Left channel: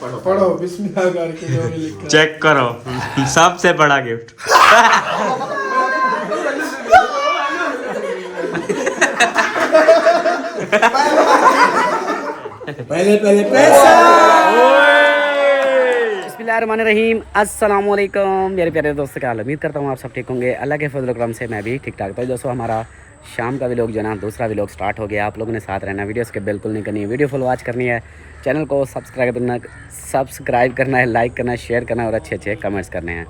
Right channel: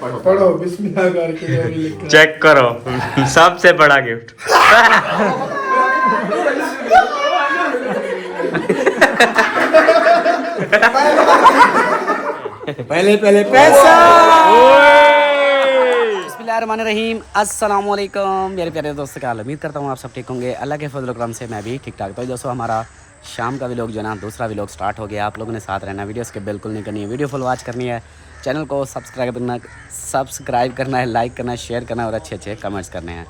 पढ़ो पढ़ो बिस्मिल्लाह करके और लिखो। चेक करो सबसे बड़ा गिफ्ट। पहले पैसा। बिस्मिल्लाहिर्रहमानिर्रहीम, अस्सलाम वालेकुम मेरे प्यारे दोस्तों, क्या हाल? उम्मीद करता हूँ आप सब ठीक होंगे। अल्लाह के फजल करम से मैं भी ठीक ठाक। तो दोस्तों, हमारा शाम का व्लॉग जो है ना, दूसरा व्लॉग स्टार्ट हो गया। आप लोगों ने साथ रहना, वीडियोस के बिल्कुल नहीं करनी है, वीडियो फुल वॉच करनी है, चैनल को सब्सक्राइब करना है, लाइक करना है, शेयर करना है और अच्छे कमेंट्स करने हैं।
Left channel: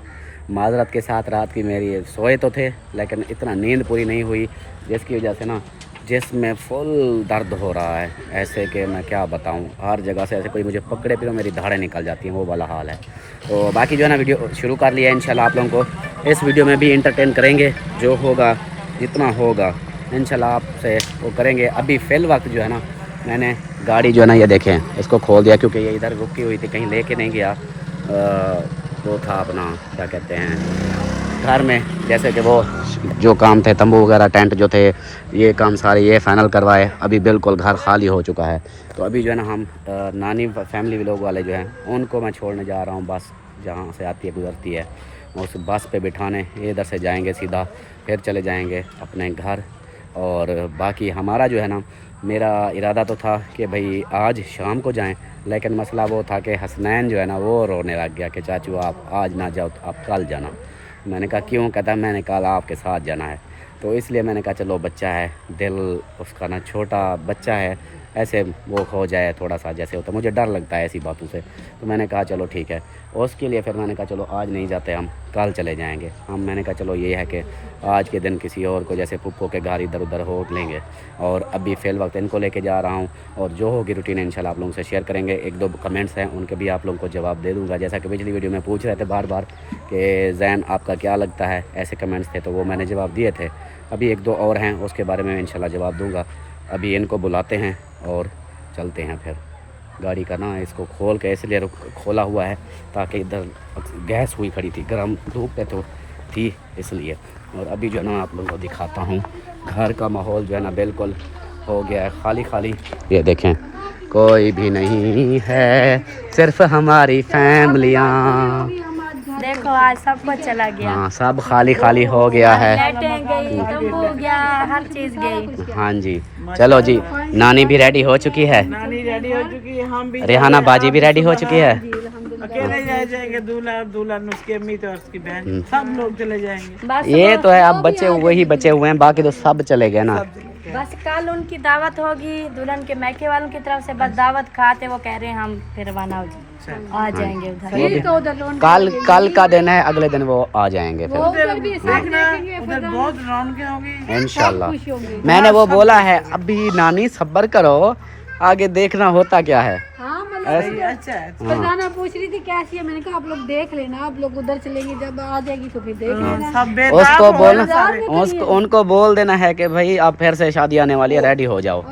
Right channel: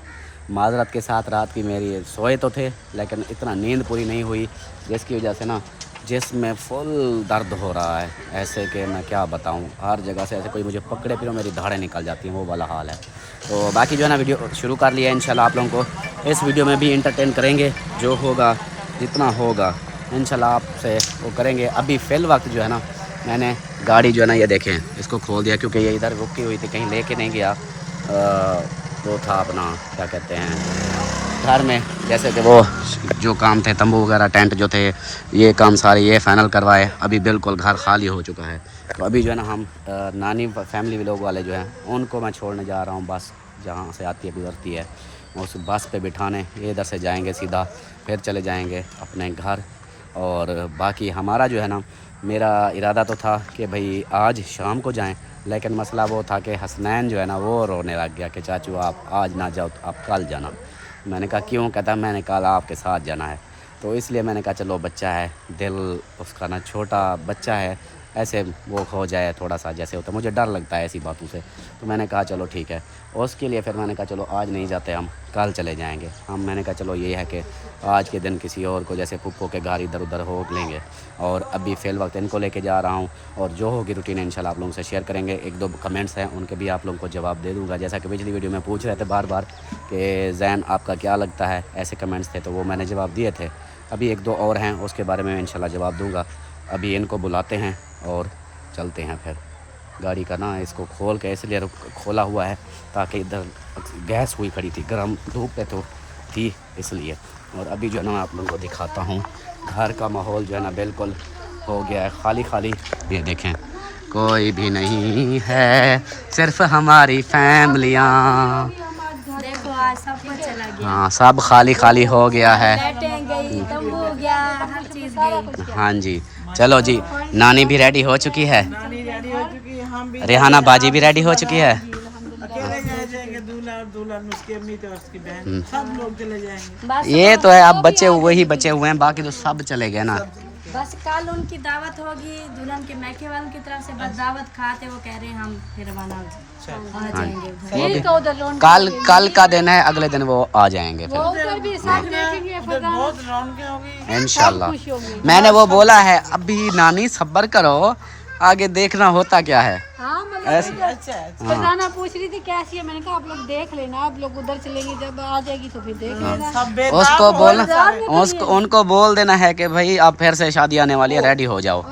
माजरत के साथ रात की मेरी सोए तो थे, लेकिन इतना नींद पूरी नहीं हुई, जिसकी वजह से ना जिसमें फुल दर्द हो रहा है। ऐसे कि मैं क्या बताऊं, हर जगह से ऐसे कोई मुझे पकड़े फिर मेरी धाड़ें निकल जाती हैं, वो वाला हाल है। तो बाकी जो है ना, वीडियो शुरू कर लिया है। इंशाल्लाह आप लोगों को इस वीडियो में भी इंटरटेन करेंगे, जो होगा जितना होगा इंशाल्लाह आपसे वो करेंगे। अभी फ़िल वक्त जो है ना, मैंने गाड़ी जो है ना, ये देखें, इसको खोल दिया क्योंकि ये इधर रुकी हुई थी, कहीं लेके नहीं गया। वो था अपना क्या कहते हैं, घर में जैसे कि वो जो काम थे, तंबू वगैरह, टेंट जो थे, ये काम सारे ये फ़ाइनल करवाए। अभी बिल्कुल घर खाली हो चुका है। तो अभी जो है ना, हम नानी फैमिली लोग वाले जो हैं, उनको मैं छोड़ने जा रहा हूँ। बस जहाँ से आती है गुजरती है, उस बस पे बिठाने ये इधर से जाएंगे सीधा, फिर चले जाएंगे अपने घर। और बाकी हमारा जो है ना, मेरा इरादा तो था कि भाई आज शाम को जाएं, लेकिन मसला वो था कि हसनैन जो है ना, वो रोने लग गया कि चाचू आप आज ना जाओ, आप कल जाना। मैंने कहा क्यों? कहता मैंने कल आपके साथ जाना है। तो इसलिए मैंने कहा चलो, बच्चा है, दिल उसका ना छोटा बच्चा है, ऐसे वो हो जाए थोड़ा सा जैसे होता है, मुझे डर लगता है ऐसी बातों से। तो मैंने कहा चलो ठीक है। उसके लिए फिर मैंने कहा चलो आज नहीं जाते, हम कल चले जाएंगे। मैंने कहा चलो ये है कि आज के दिन किसी और को, जैसे पुप्पो के घर इधर उधर हो लेंगे। और अभी फ़िल वक्त इनको लेके जा रहा हूँ, और जो होगी रूटीन इंशाल्लाह आप लोगों से शेयर करेंगे। एक दो कमेंट्स हैं, उनके भी आप लोगों को जवाब दे दूँगा। जैसा कि पिछली वीडियो में पूछ रहे थे बार बार कि ज़ैन आपका क्या लगता है, ऐसे कमेंट्स थे, तो वो मैंने जवाब दिए थे। अभी एक दो और हैं, उसके बारे में इंशाल्लाह जवाब दूँगा। अभी इनको बुलाते हैं और चलते हैं। फिर गाड़ी का ना, इसको खोल के इसलिए खोला हुआ है ताकि इधर गैस हुई खड़ी थी, गर्म धूप पे तो थी इसलिए। और अभी जो है ना, आप लोगों को दिखाता हूँ घर का माहौल जो है ना, बिल्कुल हो गया है खाली खाली। ये देखें, कोई भी नहीं है, सिर्फ हमारी फैमिलियाँ। देखो आज सब कुछ चला गया। हाँ, सब खाली खाली हो गया है। हो गया, हर चीज गई। हाँ जी, चलो जी, नानी भी रेडी हो चुकी है, नानी रेडी हो चुकी है, हम भी रेहाना बाजी भी रेडी हो चुकी है। अकेले जाएंगे, दूल्हा दुल्हन, उसके अम्मी और उसकी बहन, सब लोग चले जाएंगे। ये तो है, अब बच्चे वही बचे हुए हैं, बाकी तो सब चले गए ना। बस कल उनकी दावत होगी, दुल्हन के मैके वालों की तरफ से, बस दावत खाते वो कह रहे हैं हम फिर रवाना हो आ जाएंगे उधर। कल का दिन है, अगले दिन वो आ जाएंगे फिर उधर बहुत रौनकें होगी इंशाल्लाह। मैंने वो बोला है, अभी नानी सब्र करो, आगे देखना होता क्या है। ऐसे अच्छा नाना पूछ रही थी कैसी है, मैंने कहा आप लोग देख लेना, आप लोग उधर चलेंगे, जब आ जाएगी तो फिर देख लेना। सब बेदाग उसको हो बोलना, गए सारे। उनको बोल देना है कि भाई अब फिर से शादी आने वाली है, रेडी हो जाओ।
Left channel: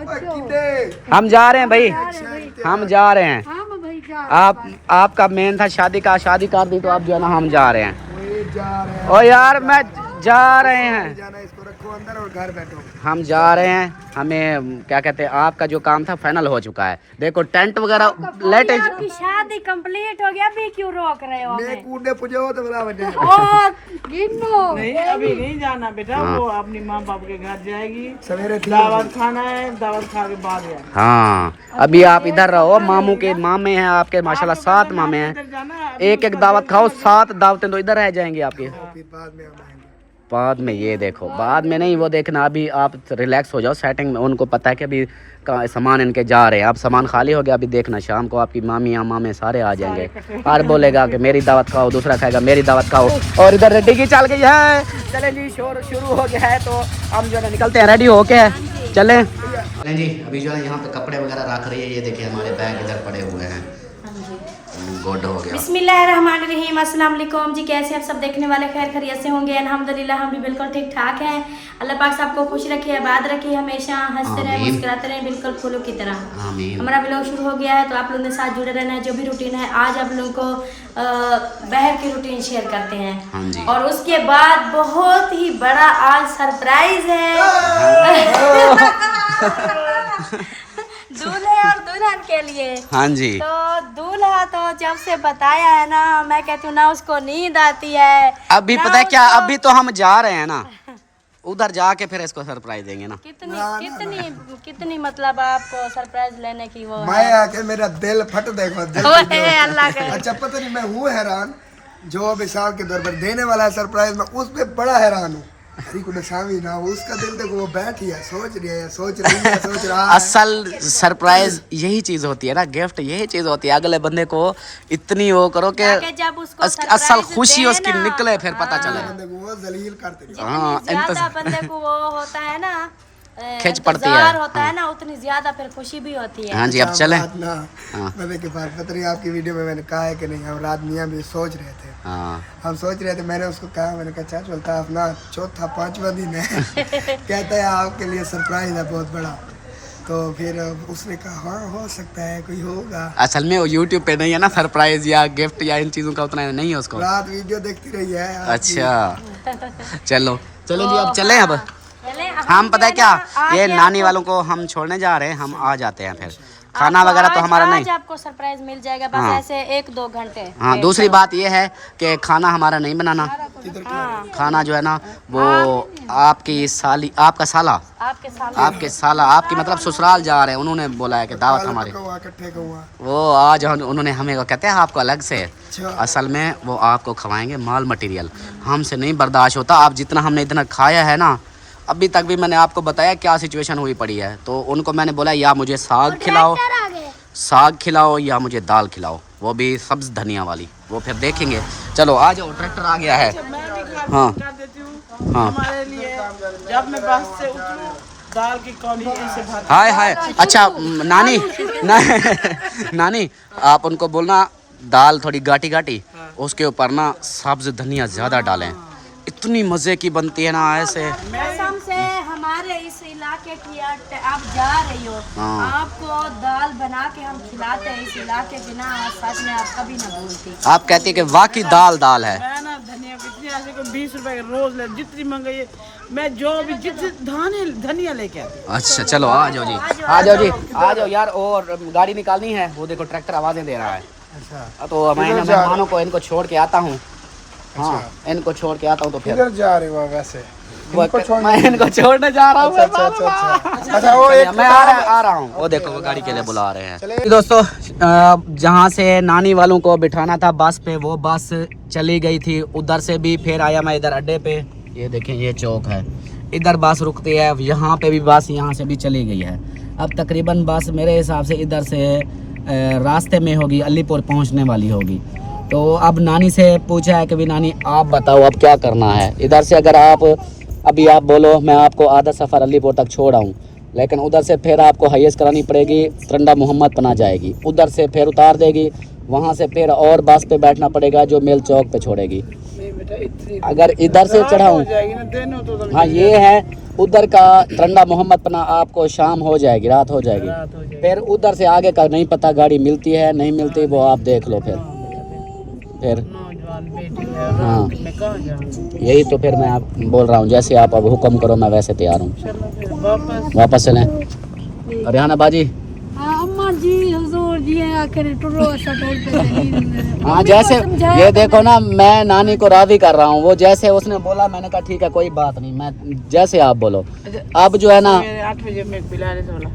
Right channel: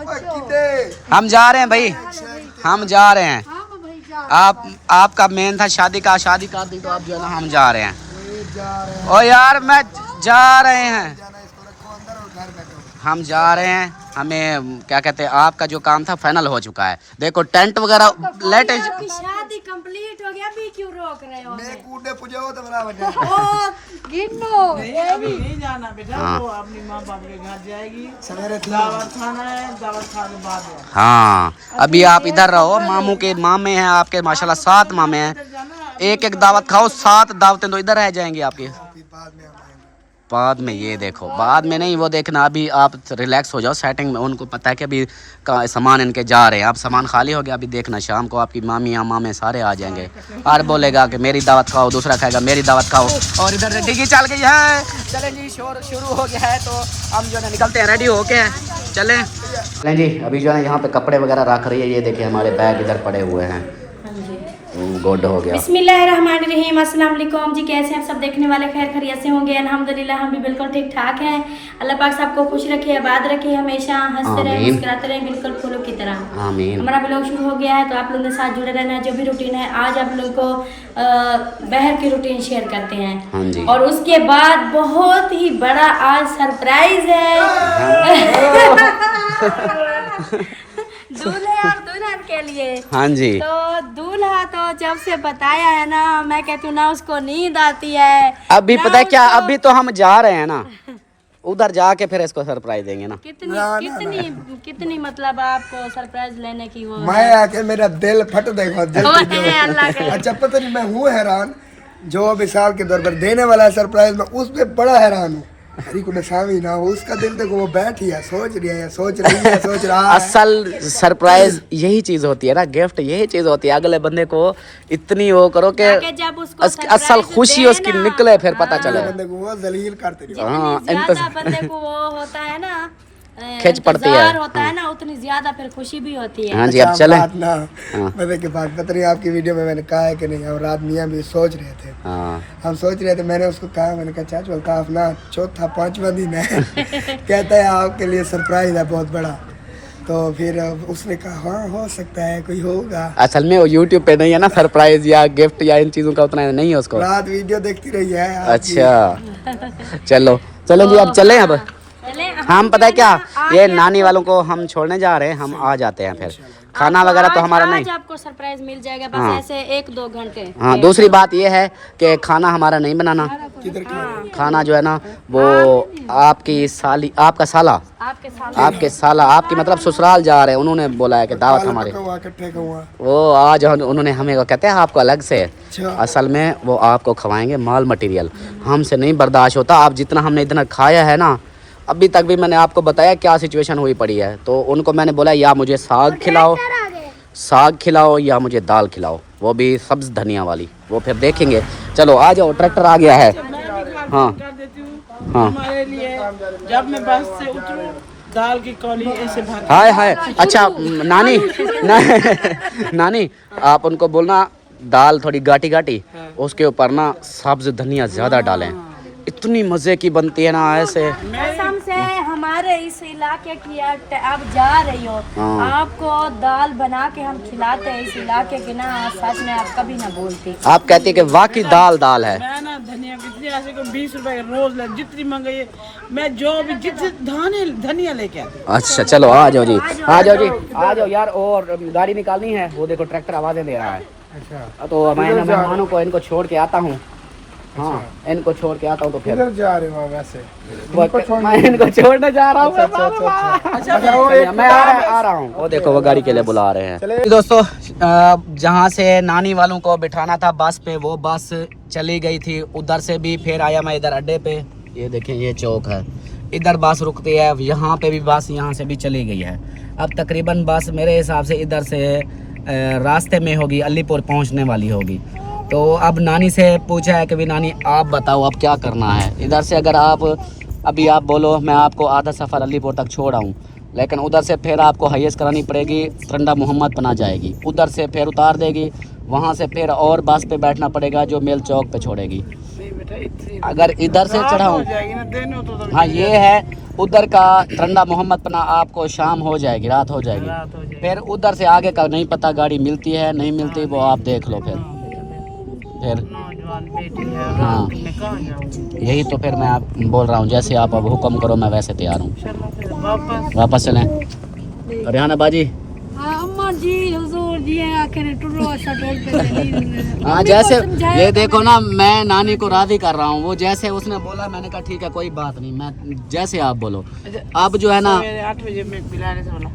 हम जा रहे हैं भाई, हम जा रहे हैं। हाँ मैं भाई जा आपका मेन था शादी का, शादी कर दी तो आप जो है ना, हम जा रहे हैं। ओ यार, मैं जा रहे हैं, हम जा रहे हैं। हमें क्या कहते हैं, आपका जो काम था फाइनल हो चुका है। देखो टेंट वगैरह लेटेस्ट, आपकी शादी कंप्लीट हो गया, अभी क्यों रोक रहे हो हमें? नहीं अभी नहीं जाना बेटा, वो अपनी माँ बाप के घर जाएगी, सवेरे दावत खाना है, दावत खा के बाद जाना। हाँ अभी आप इधर रहो, मामू के मामे हैं आपके, माशाल्लाह 7 मामे हैं। एक एक दावत खाओ, 7 दावतें तो इधर रह जाएंगी आपकी। बाद में ये देखो, बाद में नहीं वो देखना, अभी आप रिलैक्स हो जाओ सेटिंग में। उनको पता है कि अभी सामान इनके जा रहे हैं, अब सामान खाली हो गया। अभी देखना शाम को आपकी मामी या मामे सारे आ जाएंगे, और बोलेगा कि मेरी दावत खाओ, दूसरा खाएगा मेरी दावत खाओ। और इधर रेडी की चल गई है, चलें जी, शोर शुरू हो गया है। तो हम जो है निकलते हैं, रेडी होके चलें जी। अभी जो है यहाँ पे कपड़े वगैरह रख रही है, ये देखिए हमारे बैग इधर पड़े हुए हैं। गुड हो गया। बिस्मिल्लाहिर्रहमानिर्रहीम, अस्सलाम वालेकुम जी, कैसे हैं आप सब देखने वाले? खैर खैरियत से होंगे अल्हम्दुलिल्लाह, हम भी बिल्कुल ठीक ठाक हैं। अल्लाह पाक सबको खुश रखे, आबाद रखे, हमेशा हंसते रहें, मुस्कुराते रहें, बिल्कुल फूलों की तरह। आमीन। हमारा ब्लॉग शुरू हो गया है, तो आप लोगों के साथ जुड़े रहना है। जो भी रूटीन है, आज आप लोगों को बहर की रूटीन शेयर करते हैं। हाँ जी। और उसके बाद बहुत ही बड़ा आज सरप्राइज है। दूल्हे और दुल्हन के लिए। हाँ जी। तो दूल्हा तो जब से बताया है ना, मैं कहती हूँ ना उसको नींद आती है। अभी पता है क्या, अभी तो हम जा रहे हैं ना, उधर जाके फिर इसको सरप्राइज देंगे ना। कितनी मतलब आपको सरप्राइज लेने की वो मैं आके मेरा दिल फट देखो दिल की जो अल्लाह के। अच्छा पता नहीं, मैं हूँ हैरान जो विशाल के दौर पर देने वाला है सरप्राइज, मैं उस पे बड़ा हैरान हूँ। हरी को नशामी ना हो, उसका दिल देखो वो बैठी है, सोच रही है, सोच रहा है। असल सरप्राइज यही चीज होती है ना, गिफ्ट यही चीज होती है। अगले बंदे को इतनी वो करो कि जब उसको असल खुशी उसकी निकले, फिर पता चले। बंदे को वो जलील करते हैं। हाँ, ज्यादा बंदे को वो होता है ना, खिंच पड़ती है, होता है ना, उतनी ज्यादा फिर खुशी भी होती है। हाँ जी। अब चले। ना पता की बात पता नहीं आपकी वीडियो में मैंने कहा है कि नहीं, हम रात मियाँ भी सोच रहे थे। हम सोच रहे थे, मैंने उसको कहा, मैंने कहा चाचा बोलता अपना 4था-5वां दिन है कहता है आपके लिए सरप्राइज है बहुत बड़ा। तो फिर उसने कहा हाँ हो सकता है कोई होगा। असल में वो यूट्यूब पे नहीं है ना सरप्राइज या गिफ्ट या इन चीजों का उतना नहीं है उसको। रात वीडियो देखती रही है। अच्छा चलो जी, अब चले। अब हम पता है क्या, ये नानी वालों को हम छोड़ने जा रहे हैं, हम आ जाते हैं फिर। खाना वगैरह तो हमारा नहीं, आपको सरप्राइज मिल जाएगा बस ऐसे 1-2 घंटे। हाँ। दूसरी बात ये है कि खाना हमारा नहीं बनाना, खाना जो है ना वो आपकी साली, आपका साला, आपके साला, आपकी मतलब ससुराल जा रहे हैं, उन्होंने बोला है कि दावत हमारे, वो आज उन्होंने हमें वो कहते हैं आपको अलग से। असल में वो आपको खवाएंगे माल मटेरियल, हमसे नहीं बर्दाश्त होता। आप जितना हमने इतना खाया है ना, अभी तक भी मैंने आपको बताया क्या सिचुएशन हुई पड़ी है। तो उनको मैंने बोला या मुझे साग खिलाओ या मुझे दाल खिलाओ, वो भी सब्ज धनिया वाली, वो फिर देखेंगे। चलो आ जाओ, ट्रैक्टर आ गया है। हाँ हाँ, हमारे लिए जब मैं बस से उतरूं दाल की कौली ऐसे भर। हाय। अच्छा नानी आप उनको बोलना दाल थोड़ी गाटी उसके ऊपर ना सब्ज धनिया ज्यादा डालें, इतनी मजे की बनती है ना ऐसे। कसम से हमारे इस इलाके की आप जा रही हो, आपको दाल बना के हम खिलाते हैं इस इलाके की ना, सच में आप कभी ना बोलती। आप कहती है कि वाकई दाल है। मैं ना धनिया कितनी ऐसे को 20 रुपए का रोज ले, जितनी मंगाइए मैं जो भी जितने धनिया लेके आती। अच्छा चलो आ जाओ जी यार। और गाड़ी निकालनी है, वो देखो ट्रैक्टर आवाजें दे रहा है। अच्छा तो मैं मेहमानों को इनको छोड़ के आता हूँ। हाँ इनको छोड़ के आता हूँ। तो फिर जा रहे हो वैसे? मैं इनको छोड़ने जा रहा हूँ। मैं आ रहा हूँ। वो देखो वो गाड़ी के लिए बुला रहे हैं। दोस्तों जहाँ से नानी वालों को बिठाना था बस पे, वो बस चली गई थी। उधर से भी फिर आया मैं इधर अड्डे पे। ये देखिए ये चौक है, इधर बस रुकती है, यहाँ पे भी बस यहाँ से भी चली गई है। अब तकरीबन बस मेरे हिसाब से इधर से रास्ते में होगी, अलीपुर पहुँचने वाली होगी। तो अब नानी से पूछा है कि भी नानी आप बताओ अब क्या करना है। इधर से अगर आप अभी आप बोलो मैं आपको आधा सफ़र अलीपुर तक छोड़ आऊँ, लेकिन उधर से फिर आपको हाईएस्ट करानी पड़ेगी, तरंडा मोहम्मद पना जाएगी, उधर से फिर उतार देगी, वहाँ से फिर और बस पे बैठना पड़ेगा जो मेल चौक पे छोड़ेगी। अगर इधर से चढ़ाऊँ, हाँ ये है उधर का तरंडा मोहम्मद पना, आपको शाम हो जाएगी, रात हो जाएगी। फिर उधर से आगे का नहीं पता गाड़ी मिलती है नहीं मिलती, वो आप देख लो। फिर हाँ यही तो फिर मैं आप बोल रहा हूँ, जैसे आप अब हुक्म करो मैं वैसे तैयार हूँ। वापस चलें हरियाणा बाजी। अम्मा जी हुजूर जी आखिर टुरो अच्छा टोल पे। हाँ जैसे ये देखो ना, मैं नानी को राजी कर रहा हूँ, वो जैसे उसने बोला मैंने कहा ठीक है कोई बात नहीं, मैं जैसे आप बोलो। अब जो है ना 8 बजे पिलाने से बोला,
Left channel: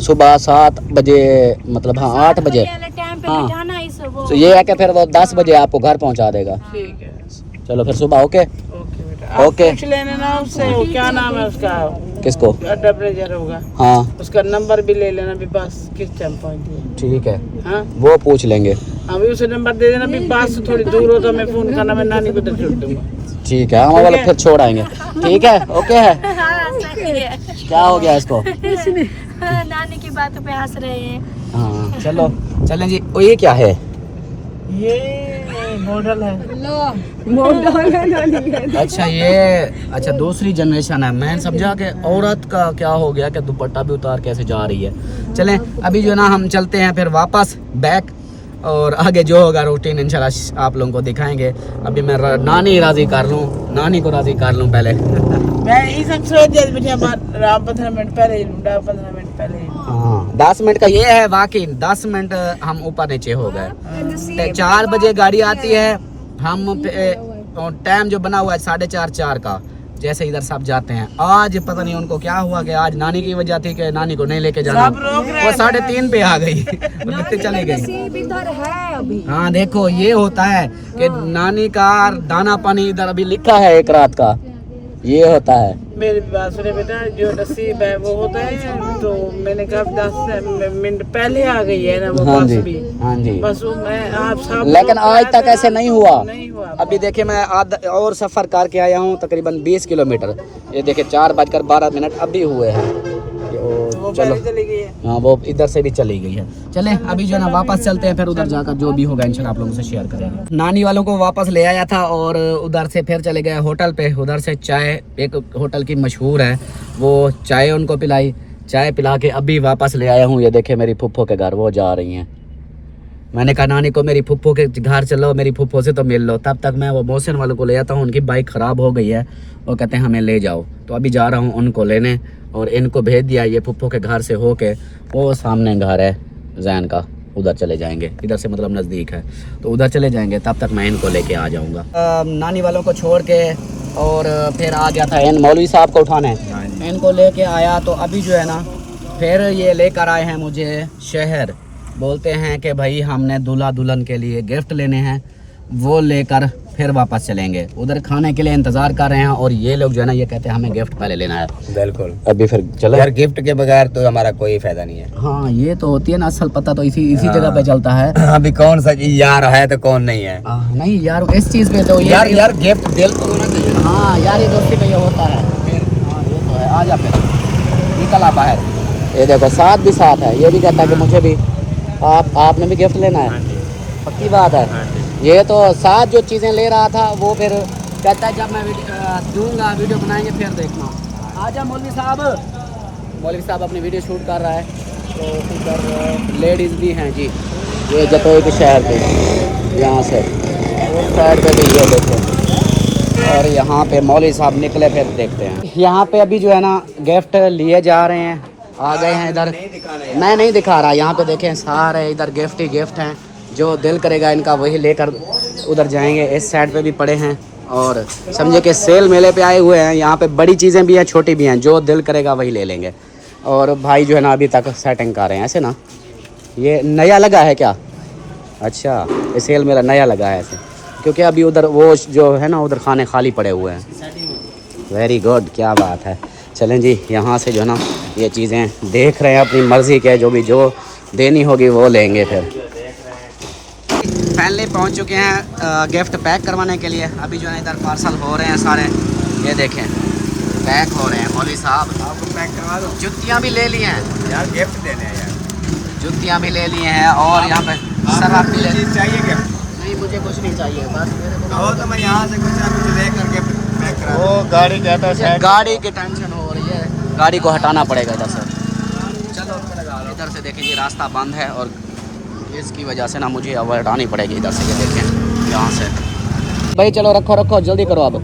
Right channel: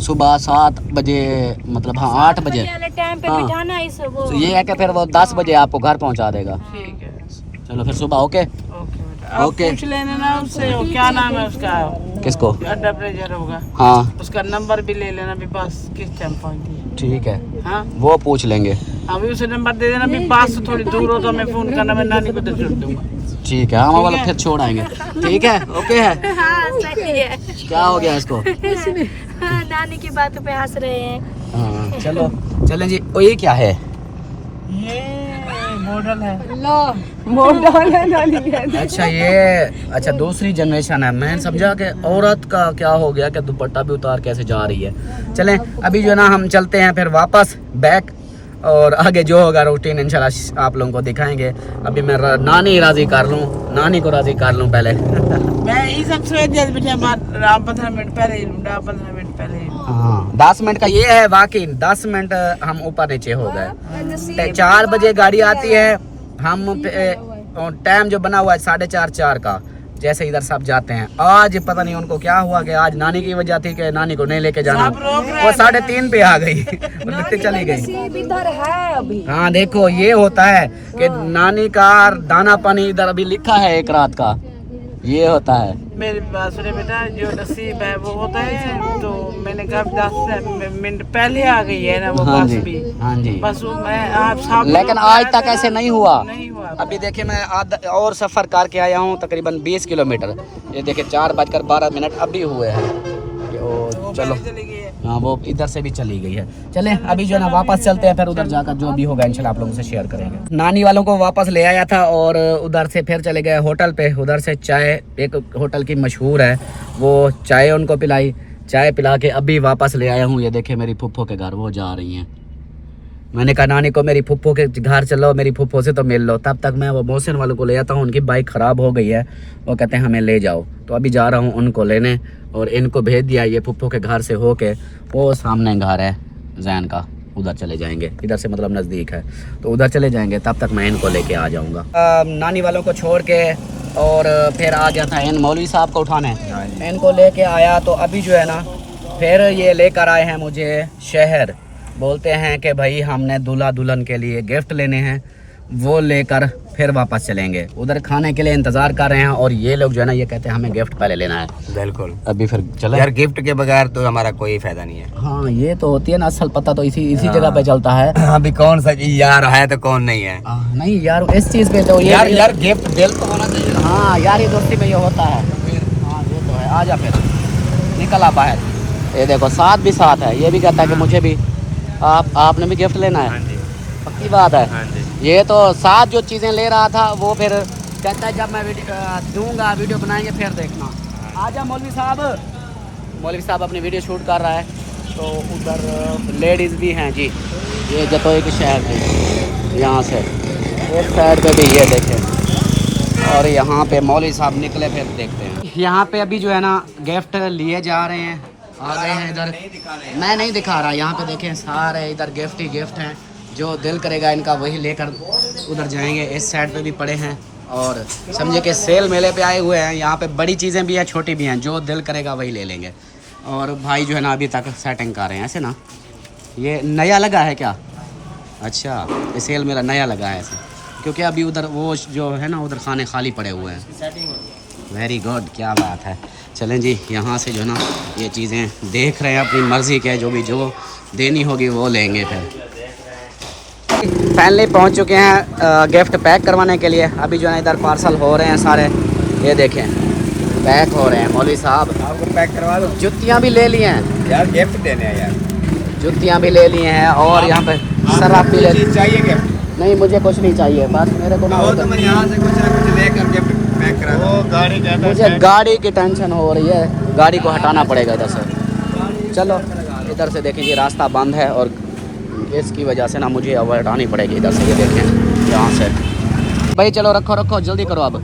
सुबह 7 बजे मतलब हाँ 8 बजे टाइम पे बिठाना इस वो। तो ये है कि फिर वो 10 बजे आपको घर पहुंचा देगा। ठीक है चलो फिर सुबह ओके ओके। पूछ लेना ना उससे, वो क्या नाम है उसका, किसको? अड्डा ब्रेजर होगा, हाँ उसका नंबर भी ले लेना भी, बस किस टाइम पहुंची है। ठीक है हाँ वो पूछ लेंगे। अभी उसे नंबर दे देना भी, बस से थोड़ी दूर हो तो मैं फोन करना, मैं नानी को दे छोड़ दूंगा। ठीक है हम वाला फिर छोड़ आएंगे। ठीक है ओके है। क्या हो गया इसको? नानी की बातों पे हंस रहे हैं। चलो चलें जी। ओ ये क्या है? ये मॉडल है। अच्छा ये अच्छा दूसरी जनरेशन है। मैं समझा कि औरत का क्या हो गया कि दुपट्टा भी उतार कैसे जा रही है। चलें अभी जो है ना हम चलते हैं फिर वापस बैक और आगे जो होगा रूटीन इंशाल्लाह आप लोगों को दिखाएंगे। अभी मैं नानी राजी कर लूँ, नानी को राजी कर लूँ पहले। मैं ये सब सोच दिया बैठे 15 मिनट पहले ही लूँगा, 15 मिनट पहले ही। हाँ 10 मिनट का ये है वाकई, 10 मिनट हम ऊपर नीचे हो गए। 4 बजे गाड़ी आती है, हम टाइम जो बना हुआ है 4:30 का, जैसे इधर सब जाते हैं। आज पता नहीं उनको क्या हुआ कि आज नानी की वजह थी कि नानी को नहीं लेके जाना, वो 3:30 पे आ गई लिखते चली गई। हाँ देखो ये होता है कि नानी का दाना पानी इधर अभी लिखा है 1 रात का, ये होता है। मेरी बात सुने बेटा, जो नसीब है वो होता है। तो मैंने कहा 10 मिनट पहले आ गई है ना वो हाँ बस जी, भी। हाँ जी। बस मैं आप सब, लेकिन आज तक ऐसे नहीं हुआ। हुआ। अभी देखिए मैं और सफ़र करके आया हूँ तकरीबन 20 किलोमीटर। ये देखिए 4:12 अभी हुए हैं। चलो चली गई है। हाँ वो इधर से भी चली गई है। चले अभी जो है ना वापस चलते हैं, फिर उधर जाकर जो भी होगा इंशाल्लाह आप लोगों से शेयर करेंगे। नानी वालों को वापस ले आया था और उधर से फिर चले गए होटल पे। उधर से चाय, एक होटल की मशहूर है, वो चाय उनको पिलाई। चाय पिला के अभी वापस ले आया हूँ। ये देखे मेरी फुफ्फो के घर वो जा रही हैं। मैंने कहा नानी को मेरी फुफ्फो के घर चलो, मेरी फुफ्फो से तो मिल लो। तब तक मैं वो मोहसिन वालों को ले आता हूँ, उनकी बाइक ख़राब हो गई है, वो कहते हैं हमें ले जाओ। तो अभी जा रहा हूँ उनको लेने और इनको भेज दिया। ये फुफ्फो के घर से होके वो सामने घर है जैन का, उधर चले जाएंगे। इधर से मतलब नज़दीक है तो उधर चले जाएंगे। तब तक मैं इनको लेके आ जाऊँगा। नानी वालों को छोड़ के और फिर आ गया था इन मौलवी साहब को उठाने, इनको लेके आया। तो अभी जो है ना फिर ये लेकर आए हैं मुझे शहर। बोलते हैं कि भाई हमने दूल्हा दुल्हन के लिए गिफ्ट लेने हैं, वो लेकर फिर वापस चलेंगे। उधर खाने के लिए इंतज़ार कर रहे हैं और ये लोग जो है ना ये कहते हैं हमें गिफ्ट पहले लेना है। बिल्कुल। अभी फिर चलो यार गिफ्ट के बगैर तो हमारा कोई फायदा नहीं है। हाँ ये तो होती है ना, असल पता तो इसी जगह पे चलता है। अभी कौन सा यार है तो कौन नहीं है। नहीं यार इस चीज़ पे तो यार गिफ्ट दिल तो होना चाहिए। हाँ यार ये दोस्ती पे ये होता है। हाँ ये तो है। आ जा फिर निकल आ बाहर। ये देखो साथ भी साथ है, ये भी कहता है कि मुझे भी आपने भी गिफ्ट लेना है। पक्की बात है। ये तो साथ जो चीज़ें ले रहा था वो फिर कहता है जब मैं दूंगा वीडियो बनाएंगे फिर देखना। आजा मौलवी साहब। मौलवी साहब अपनी वीडियो शूट कर रहा है। तो उधर लेडीज़ भी हैं जी, ये जतोई के शहर के यहाँ से एक साइड पे भी ये देखें। और यहाँ पे मौलवी साहब निकले फिर देखते हैं। यहाँ पे अभी जो है ना गिफ्ट लिए जा रहे हैं, आ गए हैं इधर। मैं नहीं दिखा रहा, यहाँ पे देखें सारे इधर गिफ्ट ही गिफ्ट हैं। जो दिल करेगा इनका वही लेकर उधर जाएंगे। इस साइड पे भी पड़े हैं और समझे कि सेल मेले पे आए हुए हैं। यहाँ पे बड़ी चीज़ें भी हैं, छोटी भी हैं, जो दिल करेगा वही ले लेंगे। और भाई जो है ना अभी तक सेटिंग कर रहे हैं ऐसे ना। ये नया लगा है क्या? अच्छा ये सेल मेला नया लगा है ऐसे, क्योंकि अभी उधर वो जो है ना उधर खाने खाली पड़े हुए हैं। वेरी गुड, क्या बात है। चलें जी यहाँ से जो है ना ये चीज़ें देख रहे हैं अपनी मर्ज़ी के, जो भी जो देनी होगी वो लेंगे। फिर फाइनली पहुँच चुके हैं गिफ्ट पैक करवाने के लिए। अभी जो है इधर पार्सल हो रहे हैं सारे, ये देखें पैक हो रहे हैं। मौलवी साहब आपको पैक करवा दो। जुतियाँ भी ले लिए हैं यार गिफ्ट देने हैं यार, जुतियाँ भी ले लिए हैं और यहाँ पे शराब भी ले ली। चाहिए गिफ्ट? नहीं मुझे कुछ नहीं चाहिए, बस मेरे को आओ तो मैं यहाँ से कुछ लेकर गिफ्ट पैक करा दूँ। गाड़ी मुझे गाड़ी की टेंशन हो रही है, गाड़ी को हटाना पड़ेगा इधर से। चलो इधर से देखें जी रास्ता बंद है और इसकी वजह से ना मुझे अब हटानी पड़ेगी इधर से। ये देखें यहाँ से। भाई चलो रखो रखो जल्दी करो, अब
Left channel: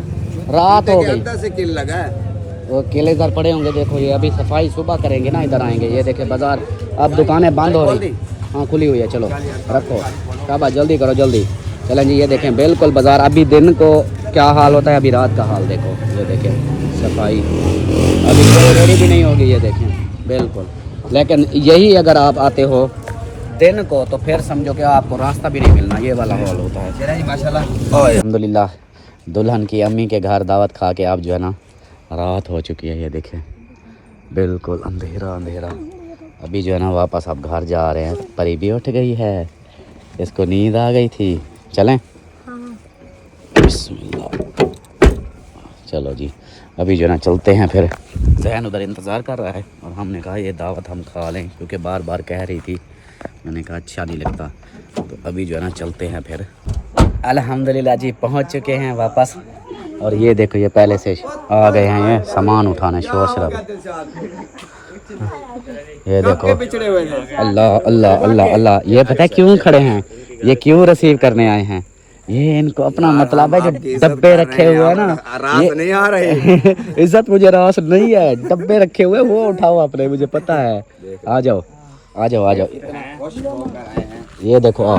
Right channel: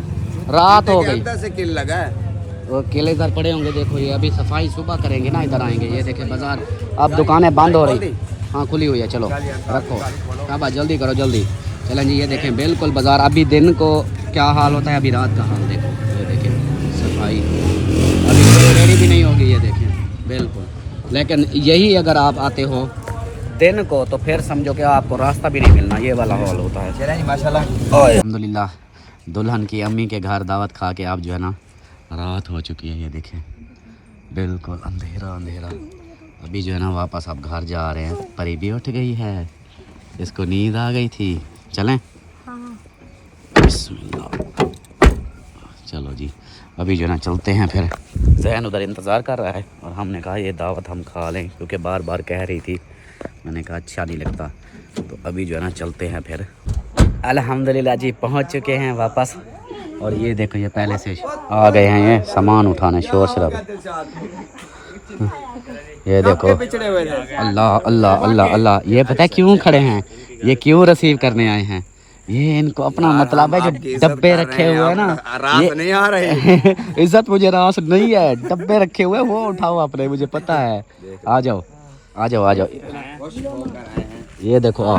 रात हो गई। से किल लगा है वो केले इधर पड़े होंगे। देखो ये अभी सफाई सुबह करेंगे ना, इधर आएंगे। ये देखें बाज़ार अब दुकानें बंद हो रही, हाँ खुली हुई है। चलो रखो काबा, जल्दी करो जल्दी। चलें जी ये देखें बिल्कुल बाज़ार अभी दिन को क्या हाल होता है, अभी रात का हाल देखो। ये देखें सफाई अभी कोई रेडी भी नहीं होगी, ये देखें बिल्कुल। लेकिन यही अगर आप आते हो दिन को तो फिर समझो कि आपको रास्ता भी नहीं मिलना, ये वाला हाल होता है। माशाल्लाह। अल्हम्दुलिल्लाह दुल्हन की अम्मी के घर दावत खा के आप जो है ना रात हो चुकी है। ये देखें बिल्कुल अंधेरा अंधेरा। अभी जो है ना वापस आप घर जा रहे हैं। परी भी उठ गई है, इसको नींद आ गई थी। चलें बिस्मिल्लाह। चलो जी अभी जो है ना चलते हैं फिर। जहन उधर इंतज़ार कर रहा है और हमने कहा ये दावत हम खा लें, क्योंकि बार बार कह रही थी। मैंने कहा अच्छा नहीं लगता, तो अभी जो है ना चलते हैं फिर। अल्हम्दुलिल्लाह जी पहुंच चुके हैं वापस। और ये देखो ये पहले से आ गए हैं ये सामान उठाने, शोर शराबा। ये देखो अल्लाह अल्लाह अल्लाह अल्लाह, ये पता है क्यों खड़े हैं, ये क्यों रिसीव करने आए हैं, ये इनको अपना मतलब है, जो डब्बे रखे हुए हैं ना, रास नहीं आ रही। इज्जत मुझे रास नहीं है, डब्बे रखे हुए वो उठाओ अपने, मुझे पता है। आ जाओ आ जाओ आ जाओ, ये देखो आओ,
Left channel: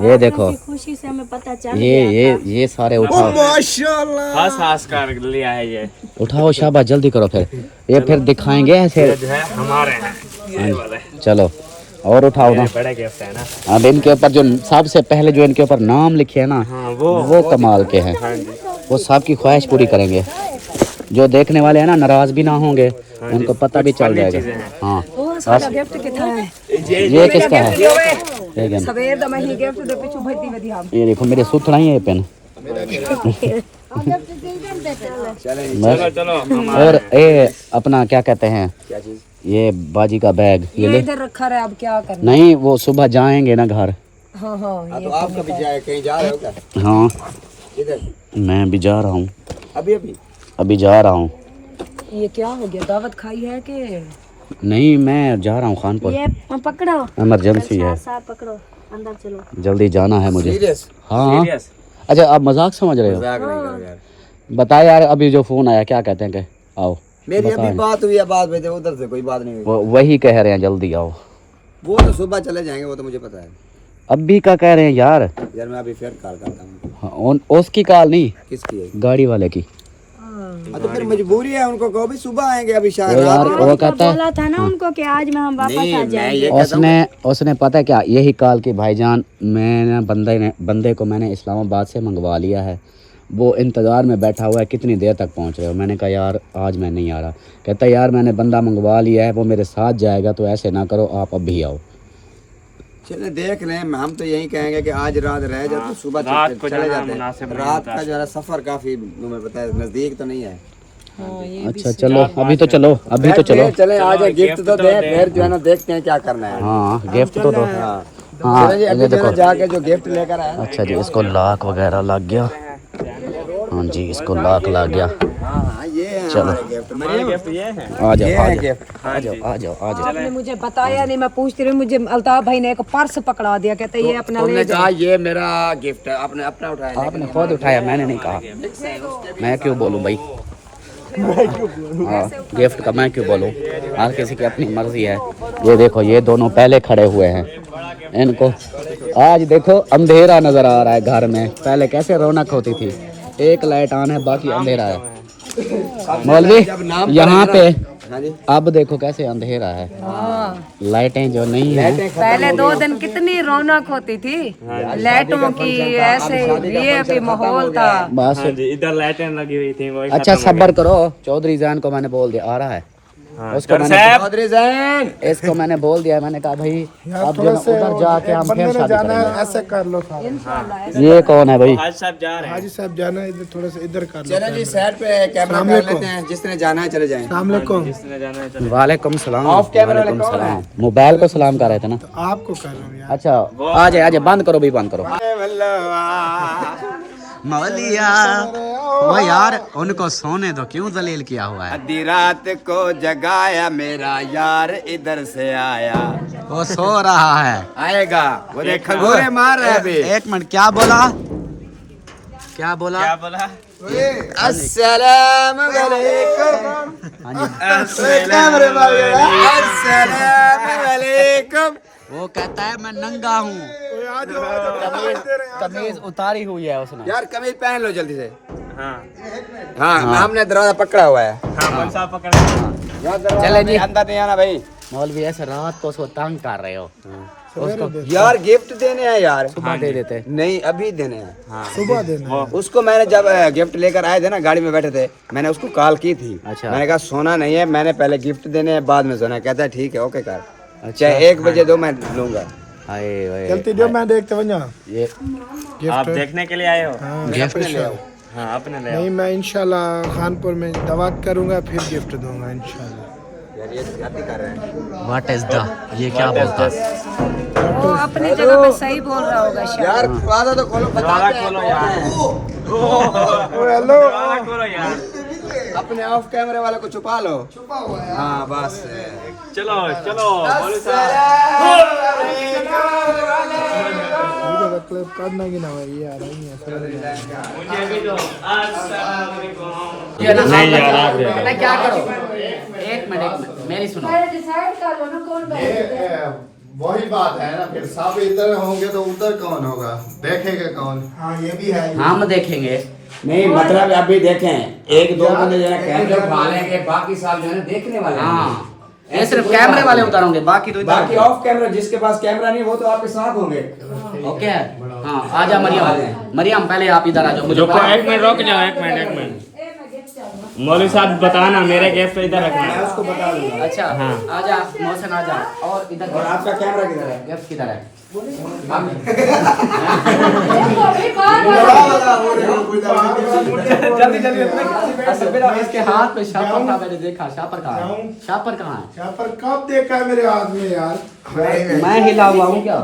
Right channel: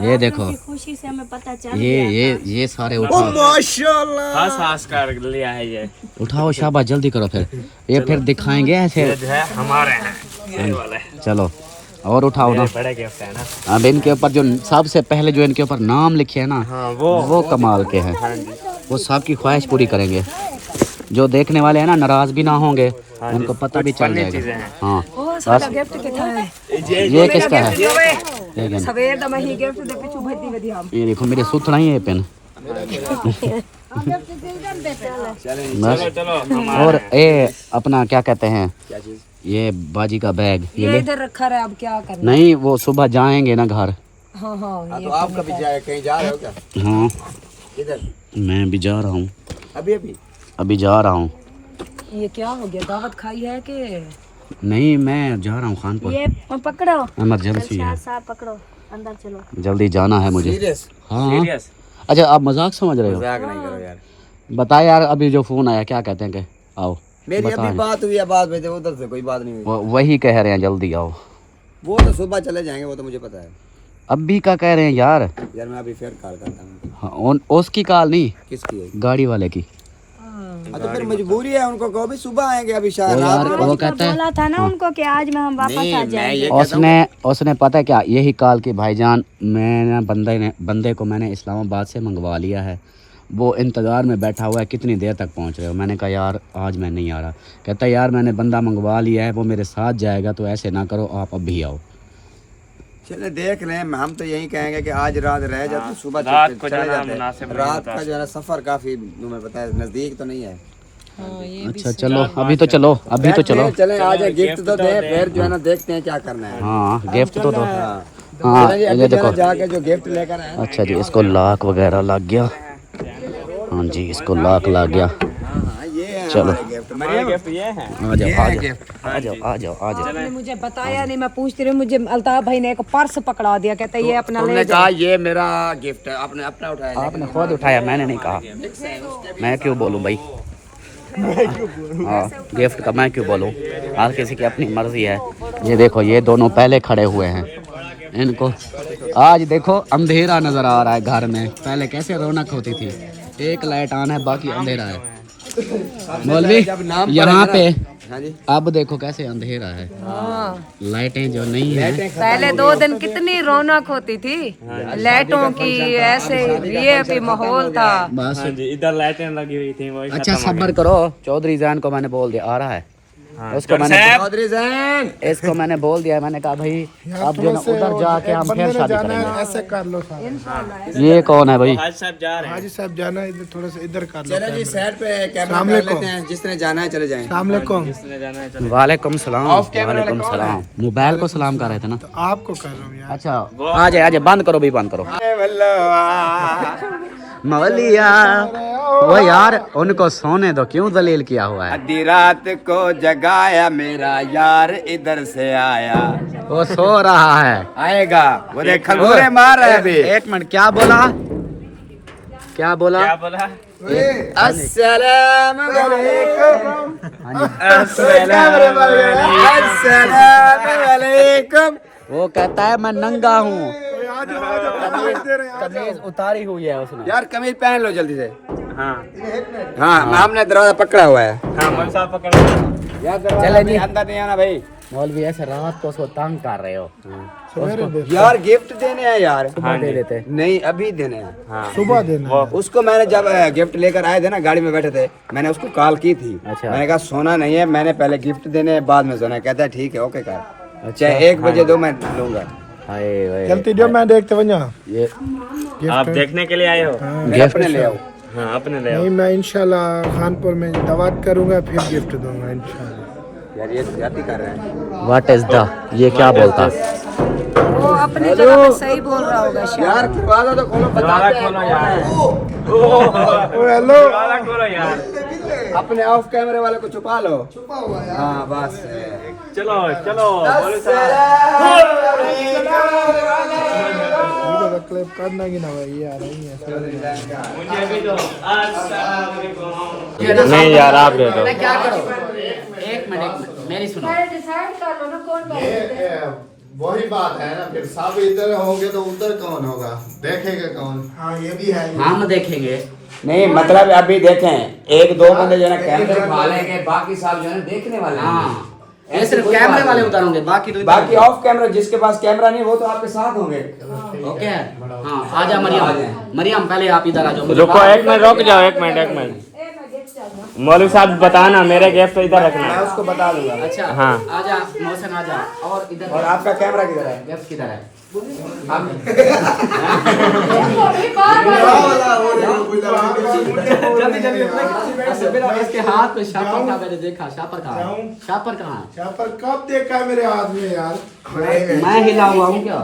ये देखो, खुशी से हमें पता चल ये सारे उठाओ, माशाल्लाह हंस हंस कर लिया है ये उठाओ शाबाश, जल्दी करो फिर, ये फिर दिखाएंगे ऐसे। जो है हमारे हैं ये वाले चलो और उठाओ ना। बड़ा गिफ्ट है ना। अब इनके ऊपर जो सबसे पहले जो इनके ऊपर नाम लिखे है ना, हाँ वो कमाल के हैं, वो सबकी ख्वाहिश पूरी करेंगे, जो देखने वाले हैं ना नाराज भी ना होंगे, उनको पता भी चल जाएगा। हाँ ये किसका है, ये देखो मेरे सुथना ही है पेन। बस। और ये अपना क्या कहते हैं, ये बाजी का बैग ये ले इधर रखा रहा है, अब क्या करना। नहीं, वो सुबह जाएंगे ना घर। हाँ हाँ तो आप कभी जाए कहीं जा रहे हो क्या? हाँ इधर मैं भी जा रहा हूँ, अभी जा रहा हूँ। ये क्या हो गया, दावत खाई है कि नहीं मैं जा रहा हूँ खानपुर, ये पकड़ो, इमरजेंसी है, साथ पकड़ो, अंदर चलो। जल्दी जाना है मुझे। सीरियस हाँ अच्छा आप मजाक समझ रहे हो, मजाक नहीं करो यार। बता यार, अभी जो फोन आया क्या कहते हैं कि आओ, मेरी अभी बात हुई है, बात हुई थी, उधर से कोई बात नहीं हुई। वही कह रहे हैं जल्दी आओ। वो तो सुबह चले जाएंगे, वो तो मुझे पता है अभी का कह रहे हैं यार। यार। मैं अभी फिर कॉल करता हूँ। हाँ, उसकी कॉल नहीं, किसकी है? गाड़ी वाले की। तो फिर मजबूरी है उनको, कहो भी सुबह आएंगे, अभी शायद वो रात यार में। वो कहता है, बोला था ना उनको कि आज में हम वापस आ नहीं, मैं जाएंगे। ये कहता हूँ उसने पता है क्या यही कॉल की, भाईजान मैंने बंदे को मैंने इस्लामाबाद से मंगवा लिया है, वो इंतज़ार में बैठा हुआ है, कितनी देर तक पहुंच रहे हो। मैंने कहा यार आज मैं नहीं आ रहा। कहता यार मैंने बंदा मंगवा लिया है, वो मेरे साथ जाएगा, तो ऐसे ना करो, आप अब भी आओ। चले देख लें, हम तो यही कहेंगे कि आज रात रह जाए तो सुबह रात को चले जाना जाते मुनासिब हैं। नहीं रात का जो है सफर काफी तुम्हें पता है नजदीक तो नहीं है। अच्छा चलो अभी तो चलो, अभी तो चलो। चले आ जाए, गिफ्ट तो दे, फिर जो है ना देखते हैं क्या करना है। हाँ गिफ्ट तो दो। हाँ हाँ चले जी, अभी ये जो है ना देखो, जाके जो गिफ्ट लेकर आए। अच्छा जी इसको लाख वगैरह लग गया। हाँ जी इसको लाख लग गया। हाँ ये है हमारे गिफ्ट। मरियम ये है आ जाओ आ जाओ गिफ्ट। आ जाओ आ जाओ आ जाओ। आपने मुझे बताया नहीं, मैं पूछती रही, मुझे अल्ताफ भाई ने एक पर्स पकड़ा दिया, कहता ये अपना तुमने ले कहा ये मेरा गिफ्ट है, आपने अपना उठाया। आपने खुद उठाया, मैंने नहीं कहा। मैं क्यों बोलूं भाई, हाँ गिफ्ट का मैं क्यों बोलूं, हर किसी की अपनी मर्जी है। ये देखो ये दोनों पहले खड़े हुए हैं, इनको आज देखो अंधेरा नजर आ रहा है घर में, पहले कैसे रौनक होती थी, एक लाइट ऑन है बाकी अंधेरा है। मौलवी यहाँ पे हाँ जी। अब देखो कैसे अंधेरा है, लाइटें जो नहीं है। पहले 2 दिन कितनी रौनक होती थी, लाइटों की, ऐसे ये माहौल था। बस इधर लाइटें लगी हुई थी वो अच्छा सब्र करो, चौधरी जैन को मैंने बोल दिया आ रहा है, उसको मैंने चौधरी जैन इसको मैंने बोल दिया, मैंने कहा भाई अब जो ना उधर जाके हम फिर शादी करेंगे। ऐसे कर लो ये कौन है भाई, हाजी साहब जा रहे हैं। हाजी साहब जाना है, इधर थोड़ा सा इधर कर लो। चलो जी साइड पे कैमरा कर लेते हैं, जिस तरह जाना है चले जाएं। अस्सलाम वालेकुम। वालेकुम सलाम। वालेकुम सलाम। मोबाइल को सलाम कर रहे थे ना। आपको कर रहा हूँ यार। अच्छा आ जाए बंद करो भी, बंद करो। मौलिया वो यार उनको सोने दो, क्यों दलील किया हुआ है। आधी रात को जगाया मेरा यार इधर से आया, वो सो रहा है, आएगा वो देख खंगूरे मार रहा है अभी। एक मिनट क्या बोला, क्या बोला? क्या बोला? अस्सलाम वालेकुम। अस्सलाम वालेकुम। वो कहता है मैं नंगा हूँ, कमीज उतारी हुई है उसने। यार कमीज पहन लो जल्दी से। हाँ हाँ हमने दरवाजा पकड़ा हुआ है। हाँ साहब पकड़ यार दरवाजा जी। अंदर नहीं आना भाई। मौलवी ऐसे रात को उसको तंग कर रहे हो, उसको यार गिफ्ट देने हैं यार। सुबह दे देते। नहीं अभी देने हैं। सुबह देना। उसको मैंने जब गिफ्ट लेकर आए थे ना, गाड़ी में बैठे थे, मैंने उसको कॉल की थी। अच्छा। मैंने कहा सोना नहीं है, मैंने पहले गिफ्ट देने हैं बाद में सोना। कहता है ठीक है ओके कर, अच्छा। चाहे 1 बजे दो मैं लूंगा। हाय वाय गलती जो मैं देखते बन जाऊँ। ये आप देखने के लिए आए हो? गिफ्ट हाँ अपने ले आओ। नहीं मैं इंशाल्लाह खानपुर में दावत करूंगा, फिर गिफ्ट दूंगा इंशाल्लाह। यार ये गलती कर रहे हैं व्हाट इज द, ये क्या बोलता? वो अपनी जगह पे सही बोल रहा होगा शायद। यार दरवाजा तो खोलो, दरवाजा खोलो यार। दरवाजा खोलो यार। अपने ऑफ कैमरे वाले को छुपा लो। छुपा हुआ है हाँ बस। चलो चलो करना की ना भाई यार मुझे भी दो। नहीं यार आप दे दो। मैं क्या करूं? एक मिनट मेरी सुनो। डिसाइड कर लो ना कौन वही बात है ना, फिर सब इधर होंगे तो उधर कौन होगा, देखेगा कौन? हाँ ये भी है। हम देखेंगे। नहीं मतलब अभी देखें, एक दो बंदे जो है कैमरे उठालेंगे, बाकी साल जो है देखने वाले हैं। हाँ ये सिर्फ कैमरे वाले उतारोगे, बाकी तो बाकी ऑफ कैमरा, जिसके पास कैमरा नहीं वो तो आपके साथ होंगे। ओके। हाँ आजा मरियम। मरियम पहले आप इधर आ जाओ। मुझे रुको एक मिनट, रुक जाओ एक मिनट। मौलवी साहब बताना मेरे गैस पे इधर रखना मैं है। उसको बता दूंगा। अच्छा हाँ। आजा मौसन आजा। और इधर और आपका कैमरा किधर है? गिफ्ट किधर है? जल्दी जल्दी इसके हाथ में शापर था, मैंने देखा। शापर कहाँ है? शापर कहाँ है? पर कब देखा मेरे हाथ में यार? मैं हिला हुआ हूँ क्या?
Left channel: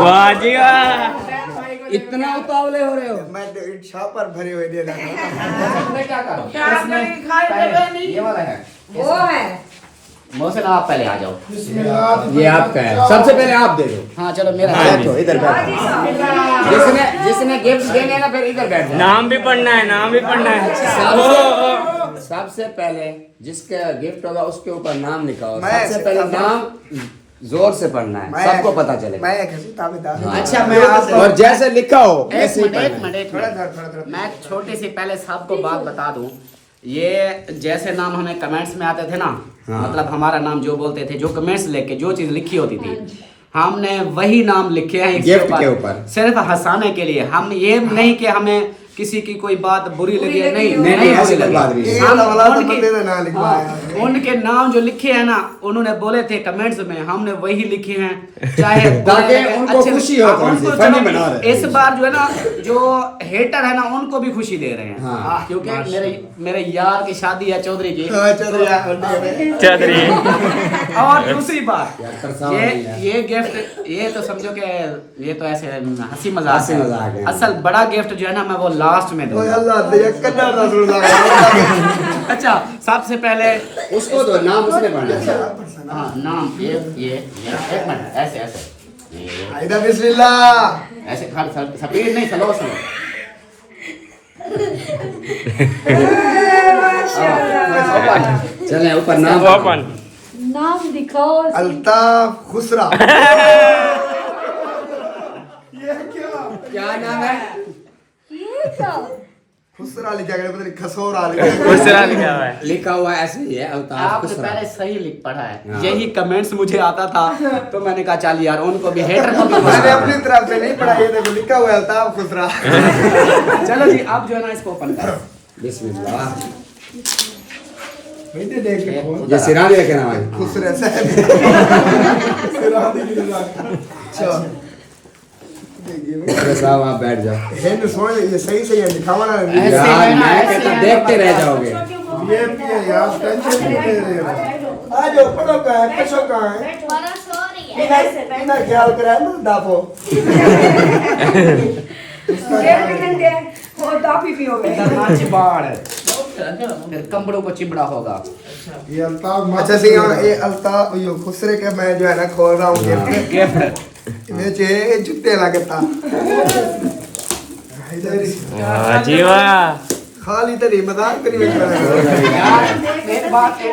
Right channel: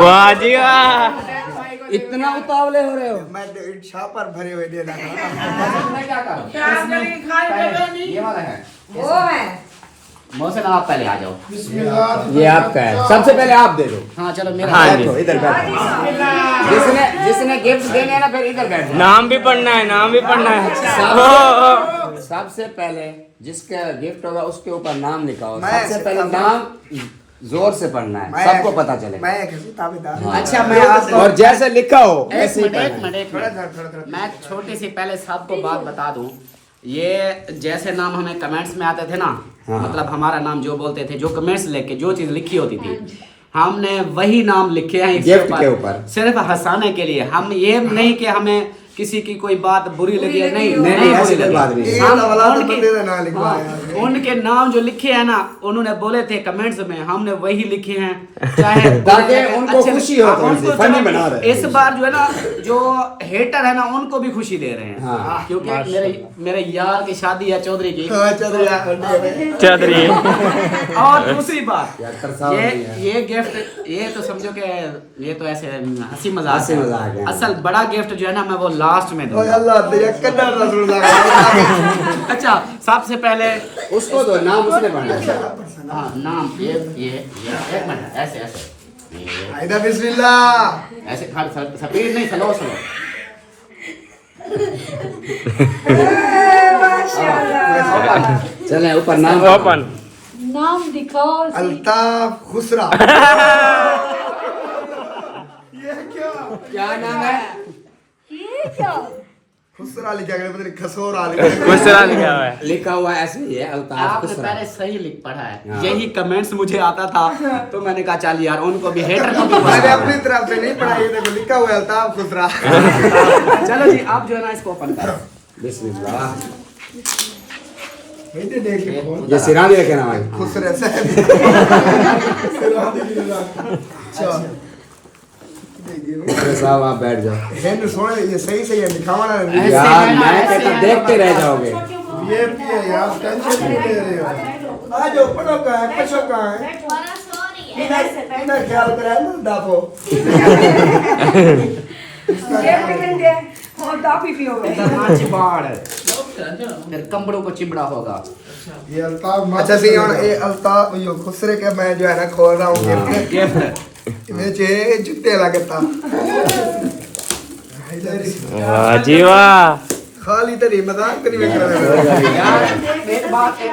वाह जी वाह। इतना उतावले हो रहे हो? मैं छापर भरे हुए दे रहा मैं क्या करूं? क्या करें, खाए देवे नहीं। ये वाला है। वो है मौसन आप पहले आ जाओ। ये आपका है, सबसे पहले आप दे दो। हाँ चलो मेरा। हाँ जी। बैठो इधर बैठो। जिसने गिफ्ट देने हैं ना फिर इधर बैठ जाओ। नाम भी पढ़ना है, नाम भी पढ़ना है। सबसे पहले जिसका गिफ्ट होगा उसके ऊपर नाम लिखाओ। मैं सबसे पहले नाम जोर से पढ़ना है, सबको पता चले। मैं एक ताबेदार हूं। अच्छा मैं आपको और जैसे लिखा हो ऐसे ही एक पढ़ना मिनट थोड़ा मैं छोटी सी पहले सबको बात बता दूं। ये जैसे नाम हमें कमेंट्स में आते थे ना, मतलब हमारा नाम जो बोलते थे, जो कमेंट्स लेके जो चीज लिखी होती थी, हमने वही नाम लिखे हैं गिफ्ट के ऊपर। सिर्फ हंसाने के लिए। हम ये नहीं कि हमें किसी की कोई बात बुरी लगी है, नहीं नहीं, नहीं ऐसी बुरी कोई बात नहीं लगी। है। हम ये वाला तो उनके- बंदे ने ना लिखवाया है। हाँ, उनके नाम जो लिखे हैं ना, उन्होंने बोले थे कमेंट्स में, हमने वही लिखे हैं। चाहे ताकि उनको खुशी हो, थोड़ी सी फनी बना रहे हैं। इस बार जो है ना, जो हेटर है ना, उनको भी खुशी दे रहे हैं। हाँ। क्योंकि मेरे यार की शादी है चौधरी की। हाँ, चौधरी चौधरी। और दूसरी बात, यार, तरसावा नहीं है। ये गिफ्ट, ये तो समझो कि ये तो ऐसे हंसी मजाक हंसी मजाक है। असल बड़ा गिफ्ट जो है ना, मैं वो लास्ट में ओए दूंगा। अल्लाह दे कन्ना रसूल लगा। अच्छा सबसे पहले उसको तो नाम उसने पढ़ना है। हाँ नाम ये एक मिनट ऐसे ऐसे ये आइदा बिस्मिल्लाह। ऐसे खड़ स्पीड नहीं, स्लो स्लो। चले ऊपर नाम नाम दिखाओ। अल्ताफ खुसरा। क्या नाम है? खुसरा लिखा गया, पता नहीं खसोरा लिखा गया। दूसरा लिखा हुआ है। लिखा हुआ ऐसे ही है, अल्ताफ आपने खुसरा। पहले सही लिख पढ़ा है। हाँ। यही कमेंट्स मुझे आता था, तो मैंने कहा चल यार उनको भी, हेटर को भी मैंने पढ़ा। अपनी तरफ से नहीं पढ़ा, ये देखो लिखा हुआ है अल्ताफ खुसरा। चलो जी आप जो है ना इसको ओपन करो। बिस्मिल्लाह। ये देख के ये सिरानी रखे ना भाई। खुसरे से। अरे साहब आप बैठ जाओ। हेन सोने ये सही सही है, लिखावा ना। ऐसे यार है ना, मैं ऐसे कहता है, देखते रह जाओगे। ये यार टेंशन नहीं ले रहे हो। आ जाओ, पढ़ो कहाँ है, पढ़ो कहाँ है। इधर ख्याल करा ना दाफो। इधर ना चिबाड़, फिर कंबड़ों को चिबड़ा होगा। ये अल्ताफ अच्छा सी और ये अल्ताफ यो खुसरे के मैं जो है ना खोल रहा हूँ गिफ्ट। गिफ्ट मेरे चे जूते लगता। वाह जी वाह। खाली तरी मजाक करी बैठ रहा है। यार एक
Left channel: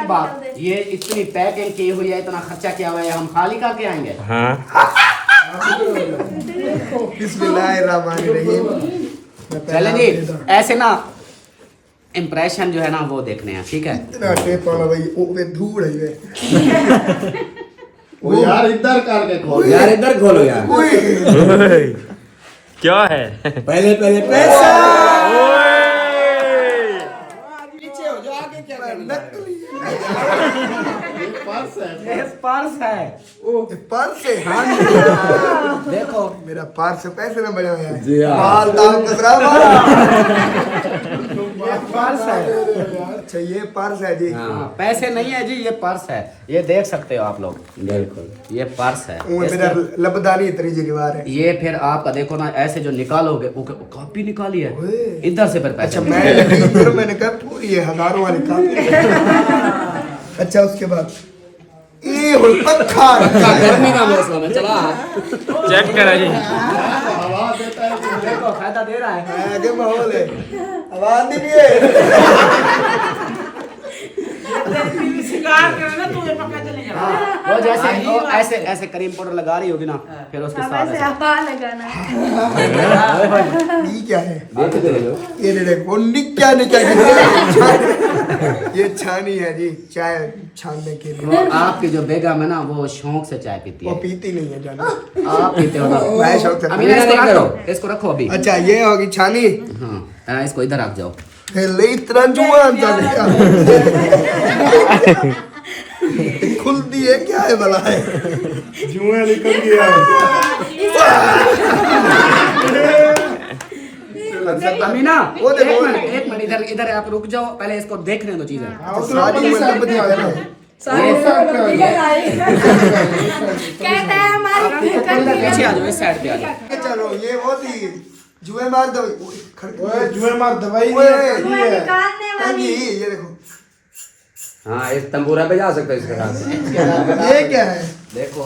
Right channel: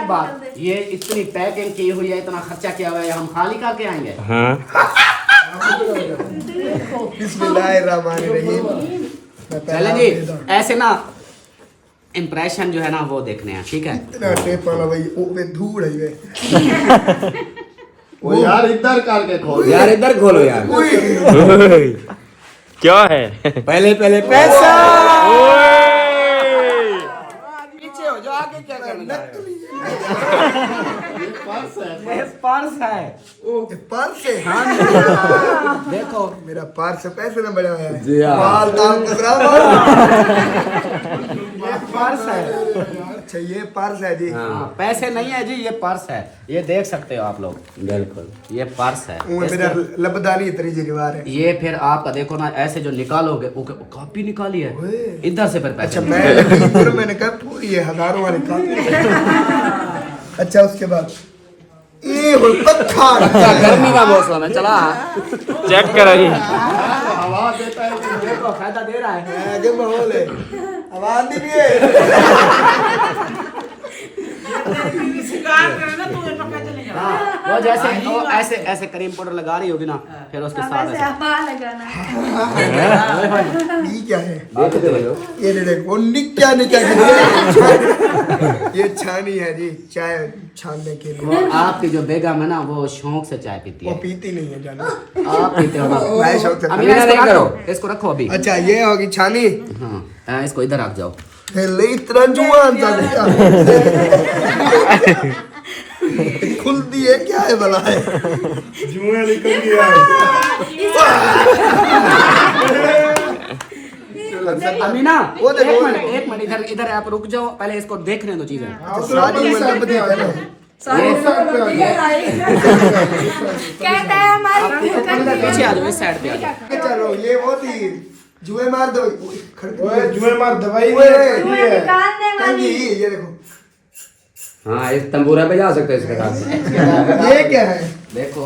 बात, ये इतनी पैकिंग की हुई है, इतना खर्चा किया हुआ है, हम खाली करके आएंगे? बिस्मिल्लाहिर्रहमानिर्रहीम। चले जी ऐसे ना इम्प्रेशन जो है ना वो देखने हैं, ठीक है? इतना टेप वाला भाई ओ वे धूड़ है ये। वो यार इधर करके खोल। यार इधर खोलो यार। क्या है? पहले पैसा। पीछे हो जाओ, आगे क्या करना? नकली पर्स है। पर्स है। ये पर्स है। हाँ देखो मेरा पर्स पैसे में बना हुआ है। जी हाँ। माल दाम कुछ रहा पर्स है। अच्छा ये पर्स है जी। हाँ, पैसे नहीं है जी, ये पर्स है, ये देख सकते हो आप लोग। बिल्कुल ये पर्स है। वो मेरा लबदानी इतनी जगवार है। ये फिर आपका देखो ना, ऐसे जो निकालोगे वो कॉपी निकाली है इधर से, फिर पैसे। अच्छा मैं यकीन करो, मैंने कहा पूरी ये हजारों वाली कापी। अच्छा उसके बाद ये पक्का गर्मी का मौसम है, चला चेक करो जी। हवा देता है देखो फायदा दे रहा है। आगे माहौल है, आवाज नहीं है। शिकार करे ना तुम्हें पक्का चलेगा। वो जैसे वो ऐसे ऐसे क्रीम पाउडर लगा रही होगी ना, फिर उसके साथ वैसे ऐसे। हवा लगाना। ये क्या है? देखते हो ये देखो निक्का निक्का ये छानी है जी, चाय छानने के लिए। वो आपकी जो बेगम है ना, वो शौक से चाय पीती वो है। पीती नहीं है जाना। आप पीते हो ना? मैं शौक से। अमीना इसको रख दो, इसको रखो अभी। अच्छा ये होगी छानी। हाँ, इसको इधर रख जाओ। ले इतना जुआन चलेगा। खुलती है क्या है भला है? जुआ निकल गया। अमीना वो देखो, एक मिनट इधर इधर आप रुक जाओ, पहले इसको देखने दो चीजें। शादी में लब दिया है ना। कहता है हमारी इधर पीछे आ जाओ, इस साइड पे आ जाओ। चलो ये वो थी जुए मार दो। जुए मार दवाई तुम्हें निकालने वाली। ये देखो हाँ इस तंबूरा पे जा सकते हो इसके साथ। ये क्या है? देखो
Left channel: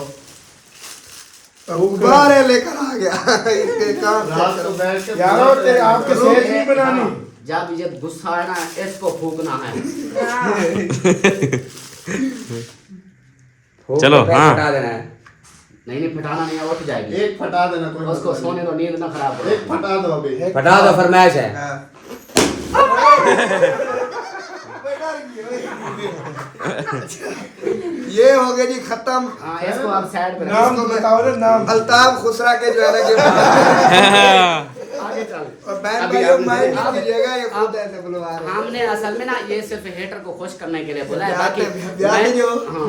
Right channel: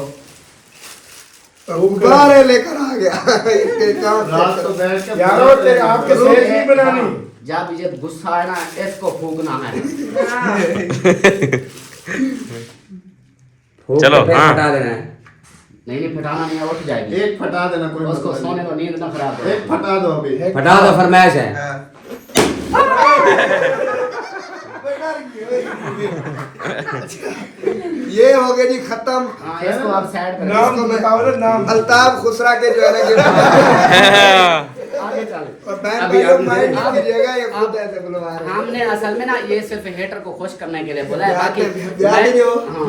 गुब्बारे लेकर आ गया। इसके काम रात को बैठ के यारो तेरे आपके सेठ नहीं बनानी। जब ये गुस्सा है ना, इसको फूकना है। चलो, हाँ। हटा देना है। नहीं फटाना नहीं है, उठ जाएगी। एक फटा देना, कोई उसको सोने दो, नींद ना खराब करो। एक फटा दो अभी। हटा दो, फरमाइश है। ये हो गया जी खत्म। हाँ, इसको आप साइड पे नाम बताओ ना, नाम अल्ताफ खुसरा के जो है ना गिफ्ट। आगे चल। और बहन भाइयों माइंड कीजिएगा, ये खुद ऐसे बुलवा रहे हैं। हमने असल में ना ये सिर्फ हेटर को खुश करने के लिए बोला है, बाकी ध्यान दो। हाँ,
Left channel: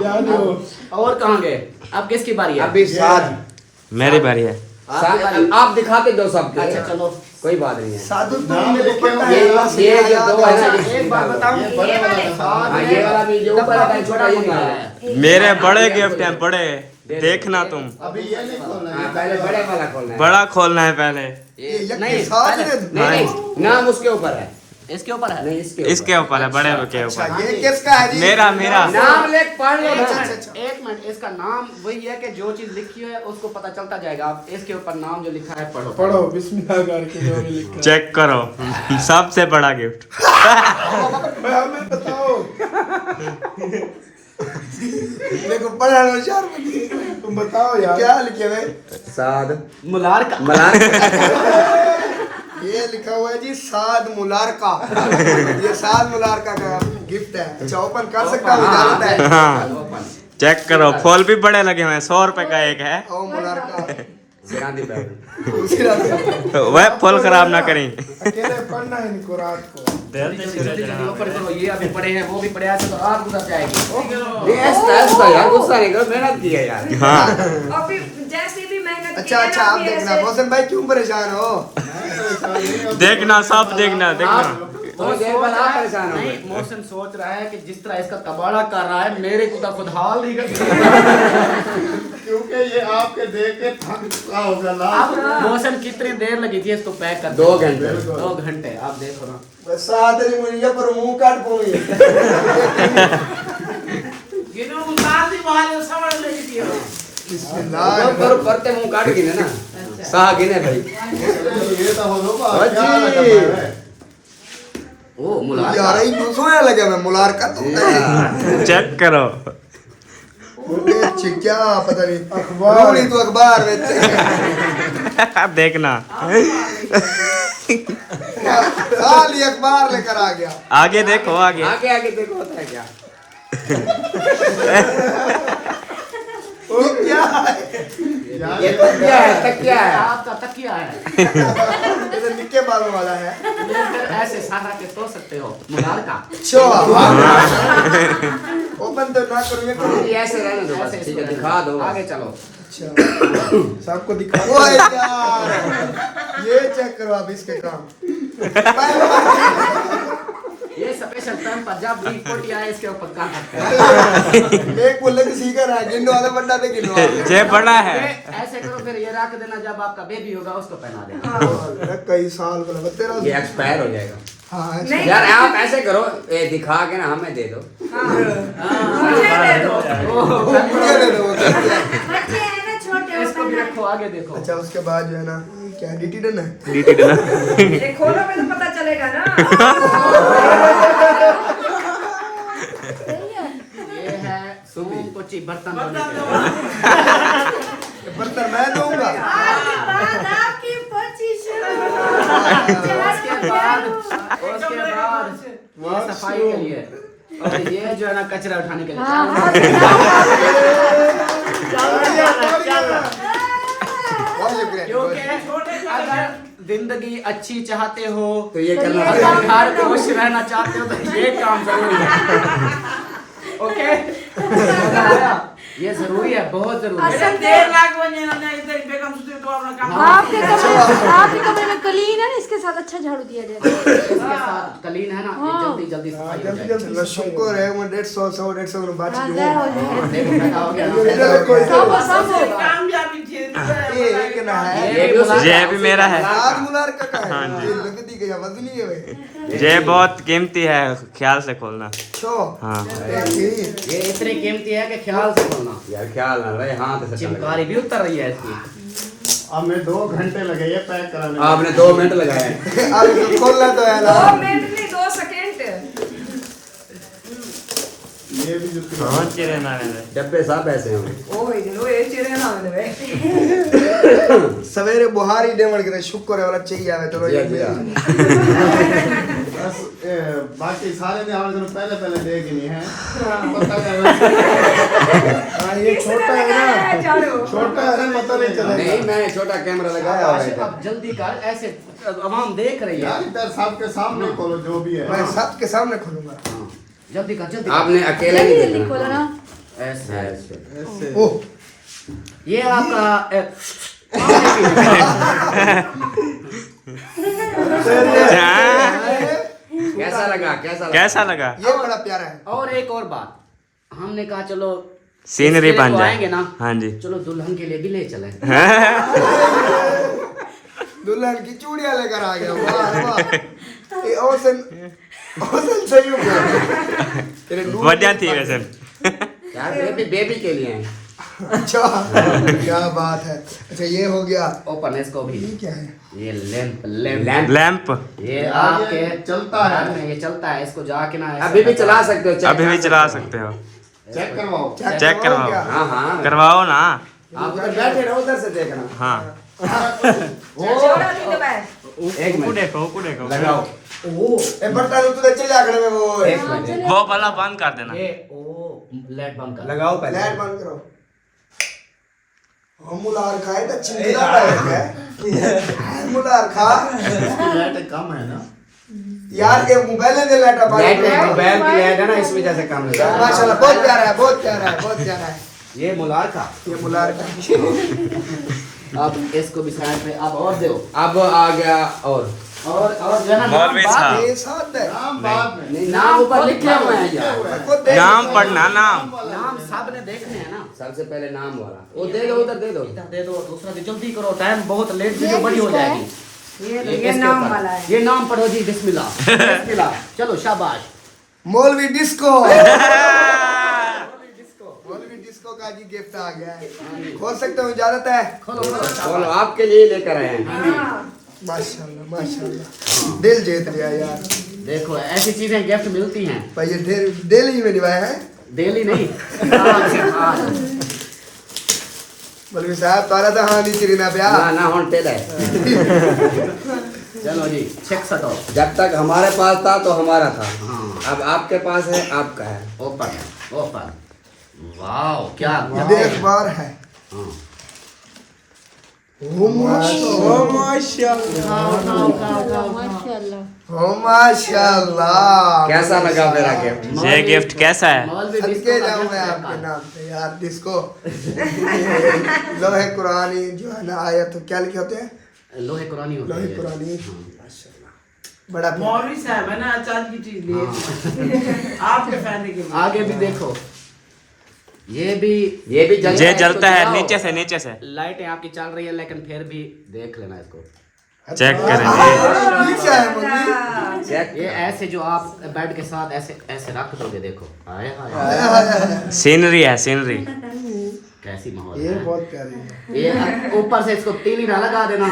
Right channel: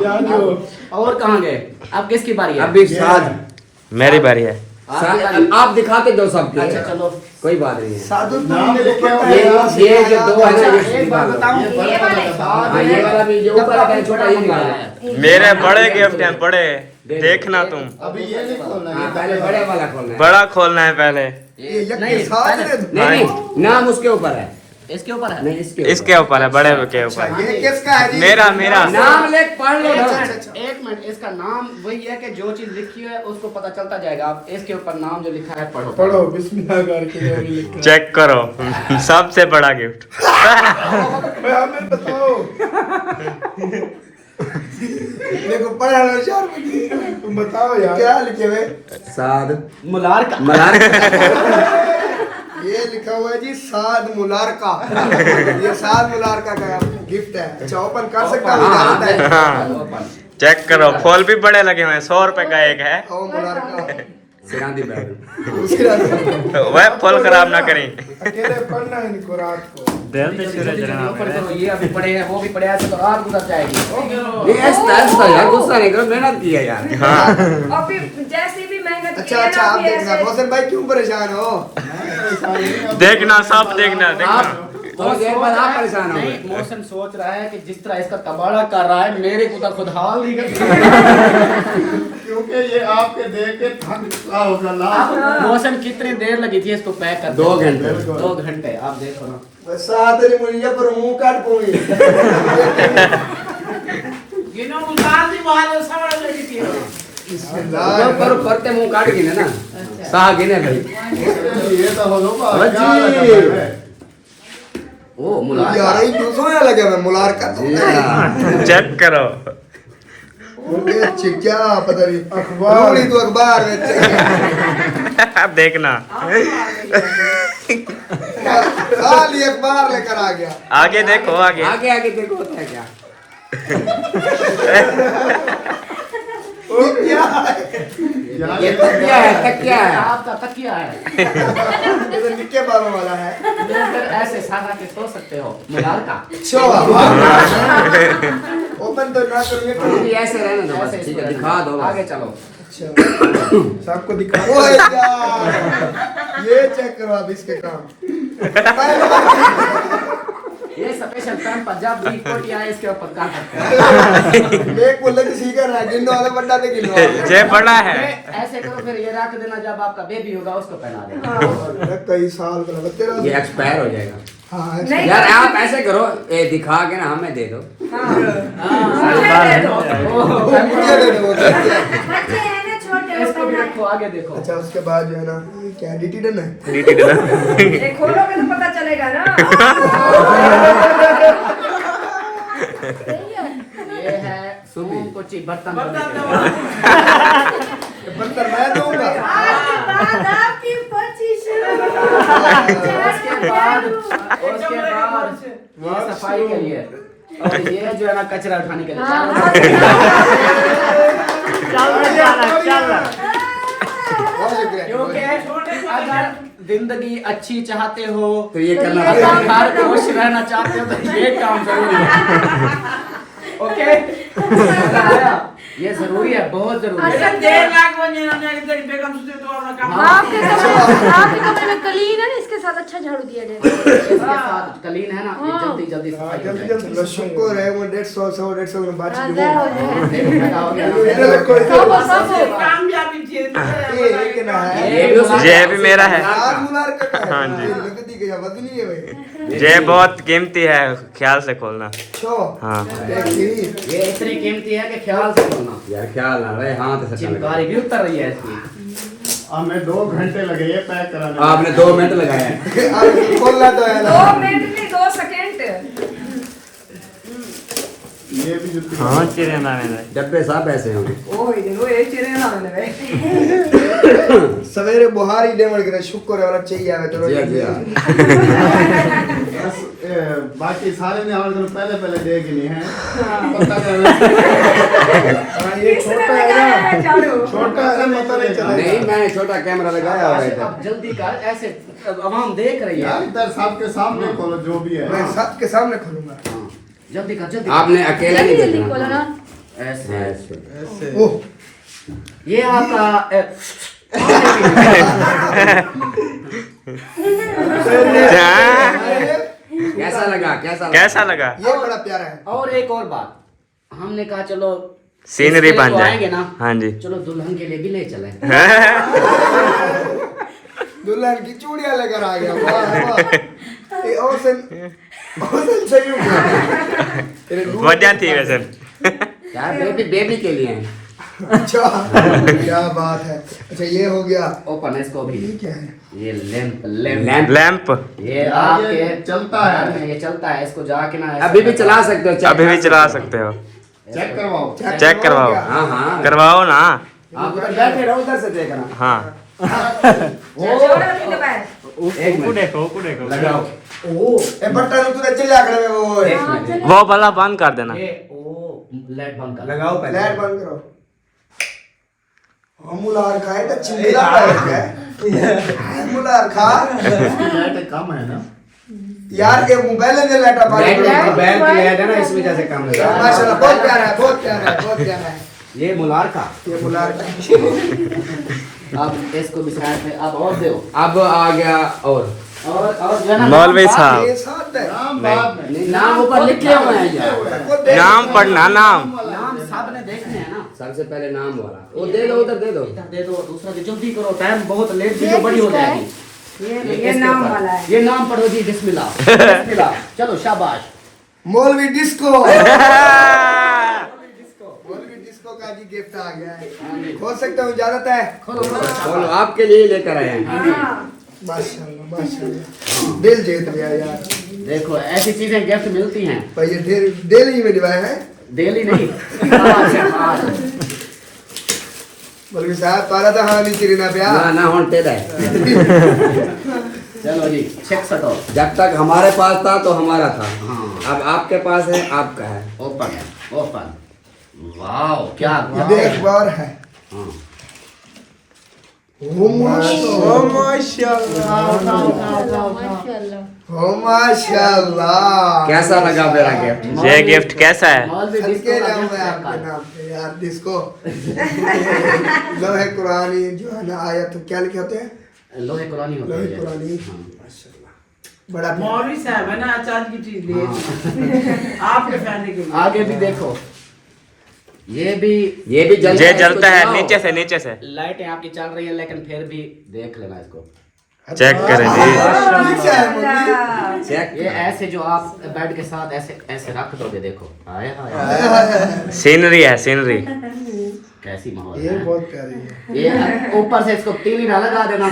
और कहाँ गए? अब किसकी बारी है? अभी साथ मेरी बारी है। आपकी बारी। आप दिखाते जो सब। अच्छा चलो, कोई बात नहीं है। साधु नाम लिखे हुए ये जो दो अच्छा वाले एक बात बताऊं, ये वाला भी जो ऊपर है छोटा ही वाला है। मेरे बड़े गिफ्ट हैं, बड़े। देखना तुम। अभी ये नहीं खोलना है। हाँ, पहले बड़े वाला खोलना है। बड़ा खोलना है पहले। ये यज्ञ नहीं, साथ में नहीं नाम उसके ऊपर है। इसके ऊपर है। नहीं इसके इसके ऊपर है, बड़े के ऊपर। ये किसका है जी? मेरा मेरा नाम लेख पढ़ लो। एक मिनट, इसका नाम वही है कि जो चीज लिखी है उसको पता चलता जाएगा। आप इसके ऊपर नाम जो लिखा है पढ़ो। पढ़ो बिस्मिल्लाह करके जो भी लिखा चेक करो। सबसे बड़ा गिफ्ट। है। हमें बताओ। देखो पढ़ा लो चार बजे। तुम बताओ यार क्या लिखे हुए? साद मुलार का। ये लिखा हुआ है जी साद मुलारका। ये साद मुलारका का गिफ्ट है। अच्छा ओपन कर सकता हूँ, इजाजत है? चेक करो, फूल भी बड़े लगे हुए हैं। 100 रुपए का एक है। ओ मुलारका। सेनानी बैग। उसी रात वह फूल खराब ना करें। अकेले पढ़ना है इनको रात को। जल्दी जल्दी ओपन करो। ये अभी पड़े हैं, वो भी पड़े हैं, ऐसे तो रात गुजर जाएगी। ये स्ट्रेस तो है, गुस्सा नहीं करो, मेहनत की है यार। हाँ और फिर जैसे भी मेहनत अच्छा अच्छा आप देखना। रोशन भाई क्यों परेशान हो? देखना, सब देखना देखना। वो सोच रहा है, नहीं मोशन सोच रहा है कि जिस तरह इसका तबाड़ा कर रहा है, मेरे को तो खुद हाल नहीं कर। क्योंकि ये आपके देख के थक चुका होगा ना। अब मोशन कितनी देर लगी थी इसको पैक कर? 2 घंटे। 2 घंटे। आप देखो ना। साथ में मुझे पर मुंह काट पूरी। गिनो उतार दी बाहर समझ लेगी थी। करो करते मुंह काट गिने ना। साह गिने भाई। ये तो हो लोग क्या लगा है। ओ मुलार यार ये दूसरों या लगे मैं मुलार का तो चेक करो। ये क्या पता नहीं अखबार ही तो अखबार में देखना। खाली अखबार लेकर आ गया। आगे देखो, आगे। आगे आगे देखो होता है क्या। ये क्या है? ये तकिया है, तकिया है। आपका तकिया है। ये निक्के बालों वाला है। फिर ऐसे सारा के सो सकते हो। मुलार का। अच्छा ओपन तो ना करो, ये करो। ये ऐसे रहने दो, ऐसे ठीक है, इसको दिखा दो। आगे चलो। अच्छा सबको दिखा। ओए यार ये चेक करो आप इसके काम। ये स्पेशल पैम्पर जब भी कोटी आए इसके ऊपर काम करते हैं। एक बोले कि सीखा रहा है गिनने वाला बड़ा थे गिनवा जय बड़ा है। ऐसे करो फिर ये रख देना, जब आपका बेबी होगा उसको पहना देना। कई साल का लगा तेरा ये एक्सपायर हो जाएगा। हाँ यार आप ऐसे करो, ये दिखा के ना हमें दे दो। इसको भी रखो, आगे देखो। अच्छा उसके बाद जो है ना ये क्या डिटीडन है खोलोगे तो पता चलेगा ना। ये है सोम कोची बर्तन धोने के लिए। बर्तन मैं दूंगा उसके बाद ये सफाई के लिए, और ये जो है ना कचरा उठाने के लिए। क्योंकि अगर जिंदगी अच्छी चाहते हो तो ये करना अगर घर खुश रहना चाहते हो तो ये काम जरूरी है। ओके, ये जरूरी है, बहुत जरूरी है। 1.5 लाख बने इन्होंने इधर बेगम सुधी तो अपना काम। आपके कमरे कलीन है ना, इसके साथ अच्छा झाड़ू दिया जाएगा। इसके साथ कलीन है ना, ये जल्दी जल्दी सफाई हो जाएगी। चलो शुक्र है वो 150 में बात देखो लगा हो गया। कामयाबी थी। एक ना है जय भी मेरा है। आज मुनार का हाँ जी। लगती के या बदली है भाई जय बहुत कीमती है, ख्याल से खोलना। छो हाँ ये इतनी कीमती है कि ख्याल से खोलना। यार ख्याल ना रहे, हाथ से चिमकारी भी उतर रही है इसकी। हमें 2 घंटे लगे ये पैक कराने में। आपने 2 मिनट लगाए। अब खोलना तो है ना 2 मिनट नहीं 2 सेकंड। ये भी जुत्ती डब्बे सब ऐसे हैं। सवेरे बुहारी डेमड़ के शुक्र है वाला चाहिए आवे तो जी, जी। बस बाकी सारे ने हमारे दिन पहले देख लिए हैं। पता करना ये छोटा है ना छोटा है मतलब नहीं चलेगा नहीं, मैंने छोटा कैमरा लगाया हुआ है अब जल्दी कर, ऐसे आवाम देख रही है। यार इधर सबके सामने खोलो जो भी है। मैं सबके सामने खोलूंगा जल्दी कर, जल्दी आपने अकेले नहीं जल्दी देखना। खोलो ना। ऐसे ऐसे। ओह ये आपका कैसा लगा? कैसा कैसा लगा? ये बड़ा प्यारा है और एक और बात, हमने कहा चलो सीनरी इसके बन तो जाए। आएंगे ना, हाँ जी। चलो दुल्हन के लिए भी ले चले। दुल्हन की चूड़ियां लेकर आ गया वाह वाह ये औसन सही हो गया बढ़िया थी वैसे। यार बेबी के लिए हैं। अच्छा क्या बात है अच्छा ये हो गया ओपन है इसको भी। ये क्या है ये लैंप लैंप लैंप ये आपके चलता है। घर में ये चलता है, इसको जाके ना ऐसे अभी भी चला सकते हो। अभी भी चला सकते हो। चेक करवाओ। चेक करवाओ। हाँ हाँ, करवाओ ना। आप उधर बैठे रहो, उधर से देखना। हाँ एक मिनट देखो लगाओ। ए बट्टा तू तो चले आगड़े में वो एक मिनट वो वाला बंद कर देना। ये ओ लाइट बंद कर। लगाओ पहले। लाइट बंद करो हम मुलार खाए तो चिल्ला पाए क्या मुलार खा लाइट कम है ना। यार ये मोबाइल में लाइट आ लाइट मोबाइल की लाइट है ना, इस वजह से काम लगा। माशाल्लाह बहुत प्यारा है बहुत प्यारा है बहुत प्यारा है ये मुलार का। ये मुलार का अब इसको भी साइड में अब और दो। अब आ गया और जो है ना मौलवी साहब ये साथ है नाम बाद में। नाम ऊपर लिखे हुए हैं ये। नाम पढ़ना नाम। नाम सबने देखने हैं ना। सबसे पहले नाम वाला वो दे दो, उधर दे दो। इधर दे दो, दूसरा दे, जल्दी करो, टाइम बहुत लेट, वीडियो बड़ी हो जाएगी। ये नाम वाला है। ये नाम पढ़ो जी, बिस्मिल्लाह बिस्मिल्लाह। चलो शाबाश। मौलवी डिस्को मौलवी डिस्को का जी गिफ्ट आ गया है खोल सकता हूँ इजाजत है खोलो खोलो। चलो आपके लिए लेकर आए हैं। माशाल्लाह माशाल्लाह दिल जीत लिया यार देखो ऐसी चीजें गिफ्ट मिलती हैं, भाई ये दिल ही में निभाया है डेली नहीं। आज मौलवी साहब तारा था हाँ नहीं चिरना प्या ना ना होते रहे। चलो जी, चेक सटो। जब तक हमारे पास था तो हमारा था, हाँ अब आपके पास है आपका है। Open open. वाओ क्या देख बार है हाँ। ओ माशाल्लाह कैसा लगा मेरा गिफ्ट? ये गिफ्ट कैसा है? मौलवी सदके डिस्को का जाऊं गिफ्ट मैं आपके बेकार। नाम पे यार जिसको लोहे कुरानी जो है ना आयत तो क्या लिखे होते हैं लोहे कुरानी होती लोहे है। कुरानी हाँ। माशाल्लाह बड़ा प्यारा। मौलवी साहब है ना, चांद की चीज लिए आपके फैमिली के लिए। आगे भी देखो, ये भी ये जलता है नीचे से, नीचे से लाइटें आपकी चल रही है, लेकिन फिर भी देख लेना इसको। चेक करें जी। ठीक है मम्मी। ये ऐसे जो आप बेड के साथ ऐसे ऐसे रख दोगे, देखो हाय हाय सीनरी है, सीनरी। कैसी माहौल ये है। बहुत प्यारी है। ये ऊपर से इसको तीली ना लगा देना।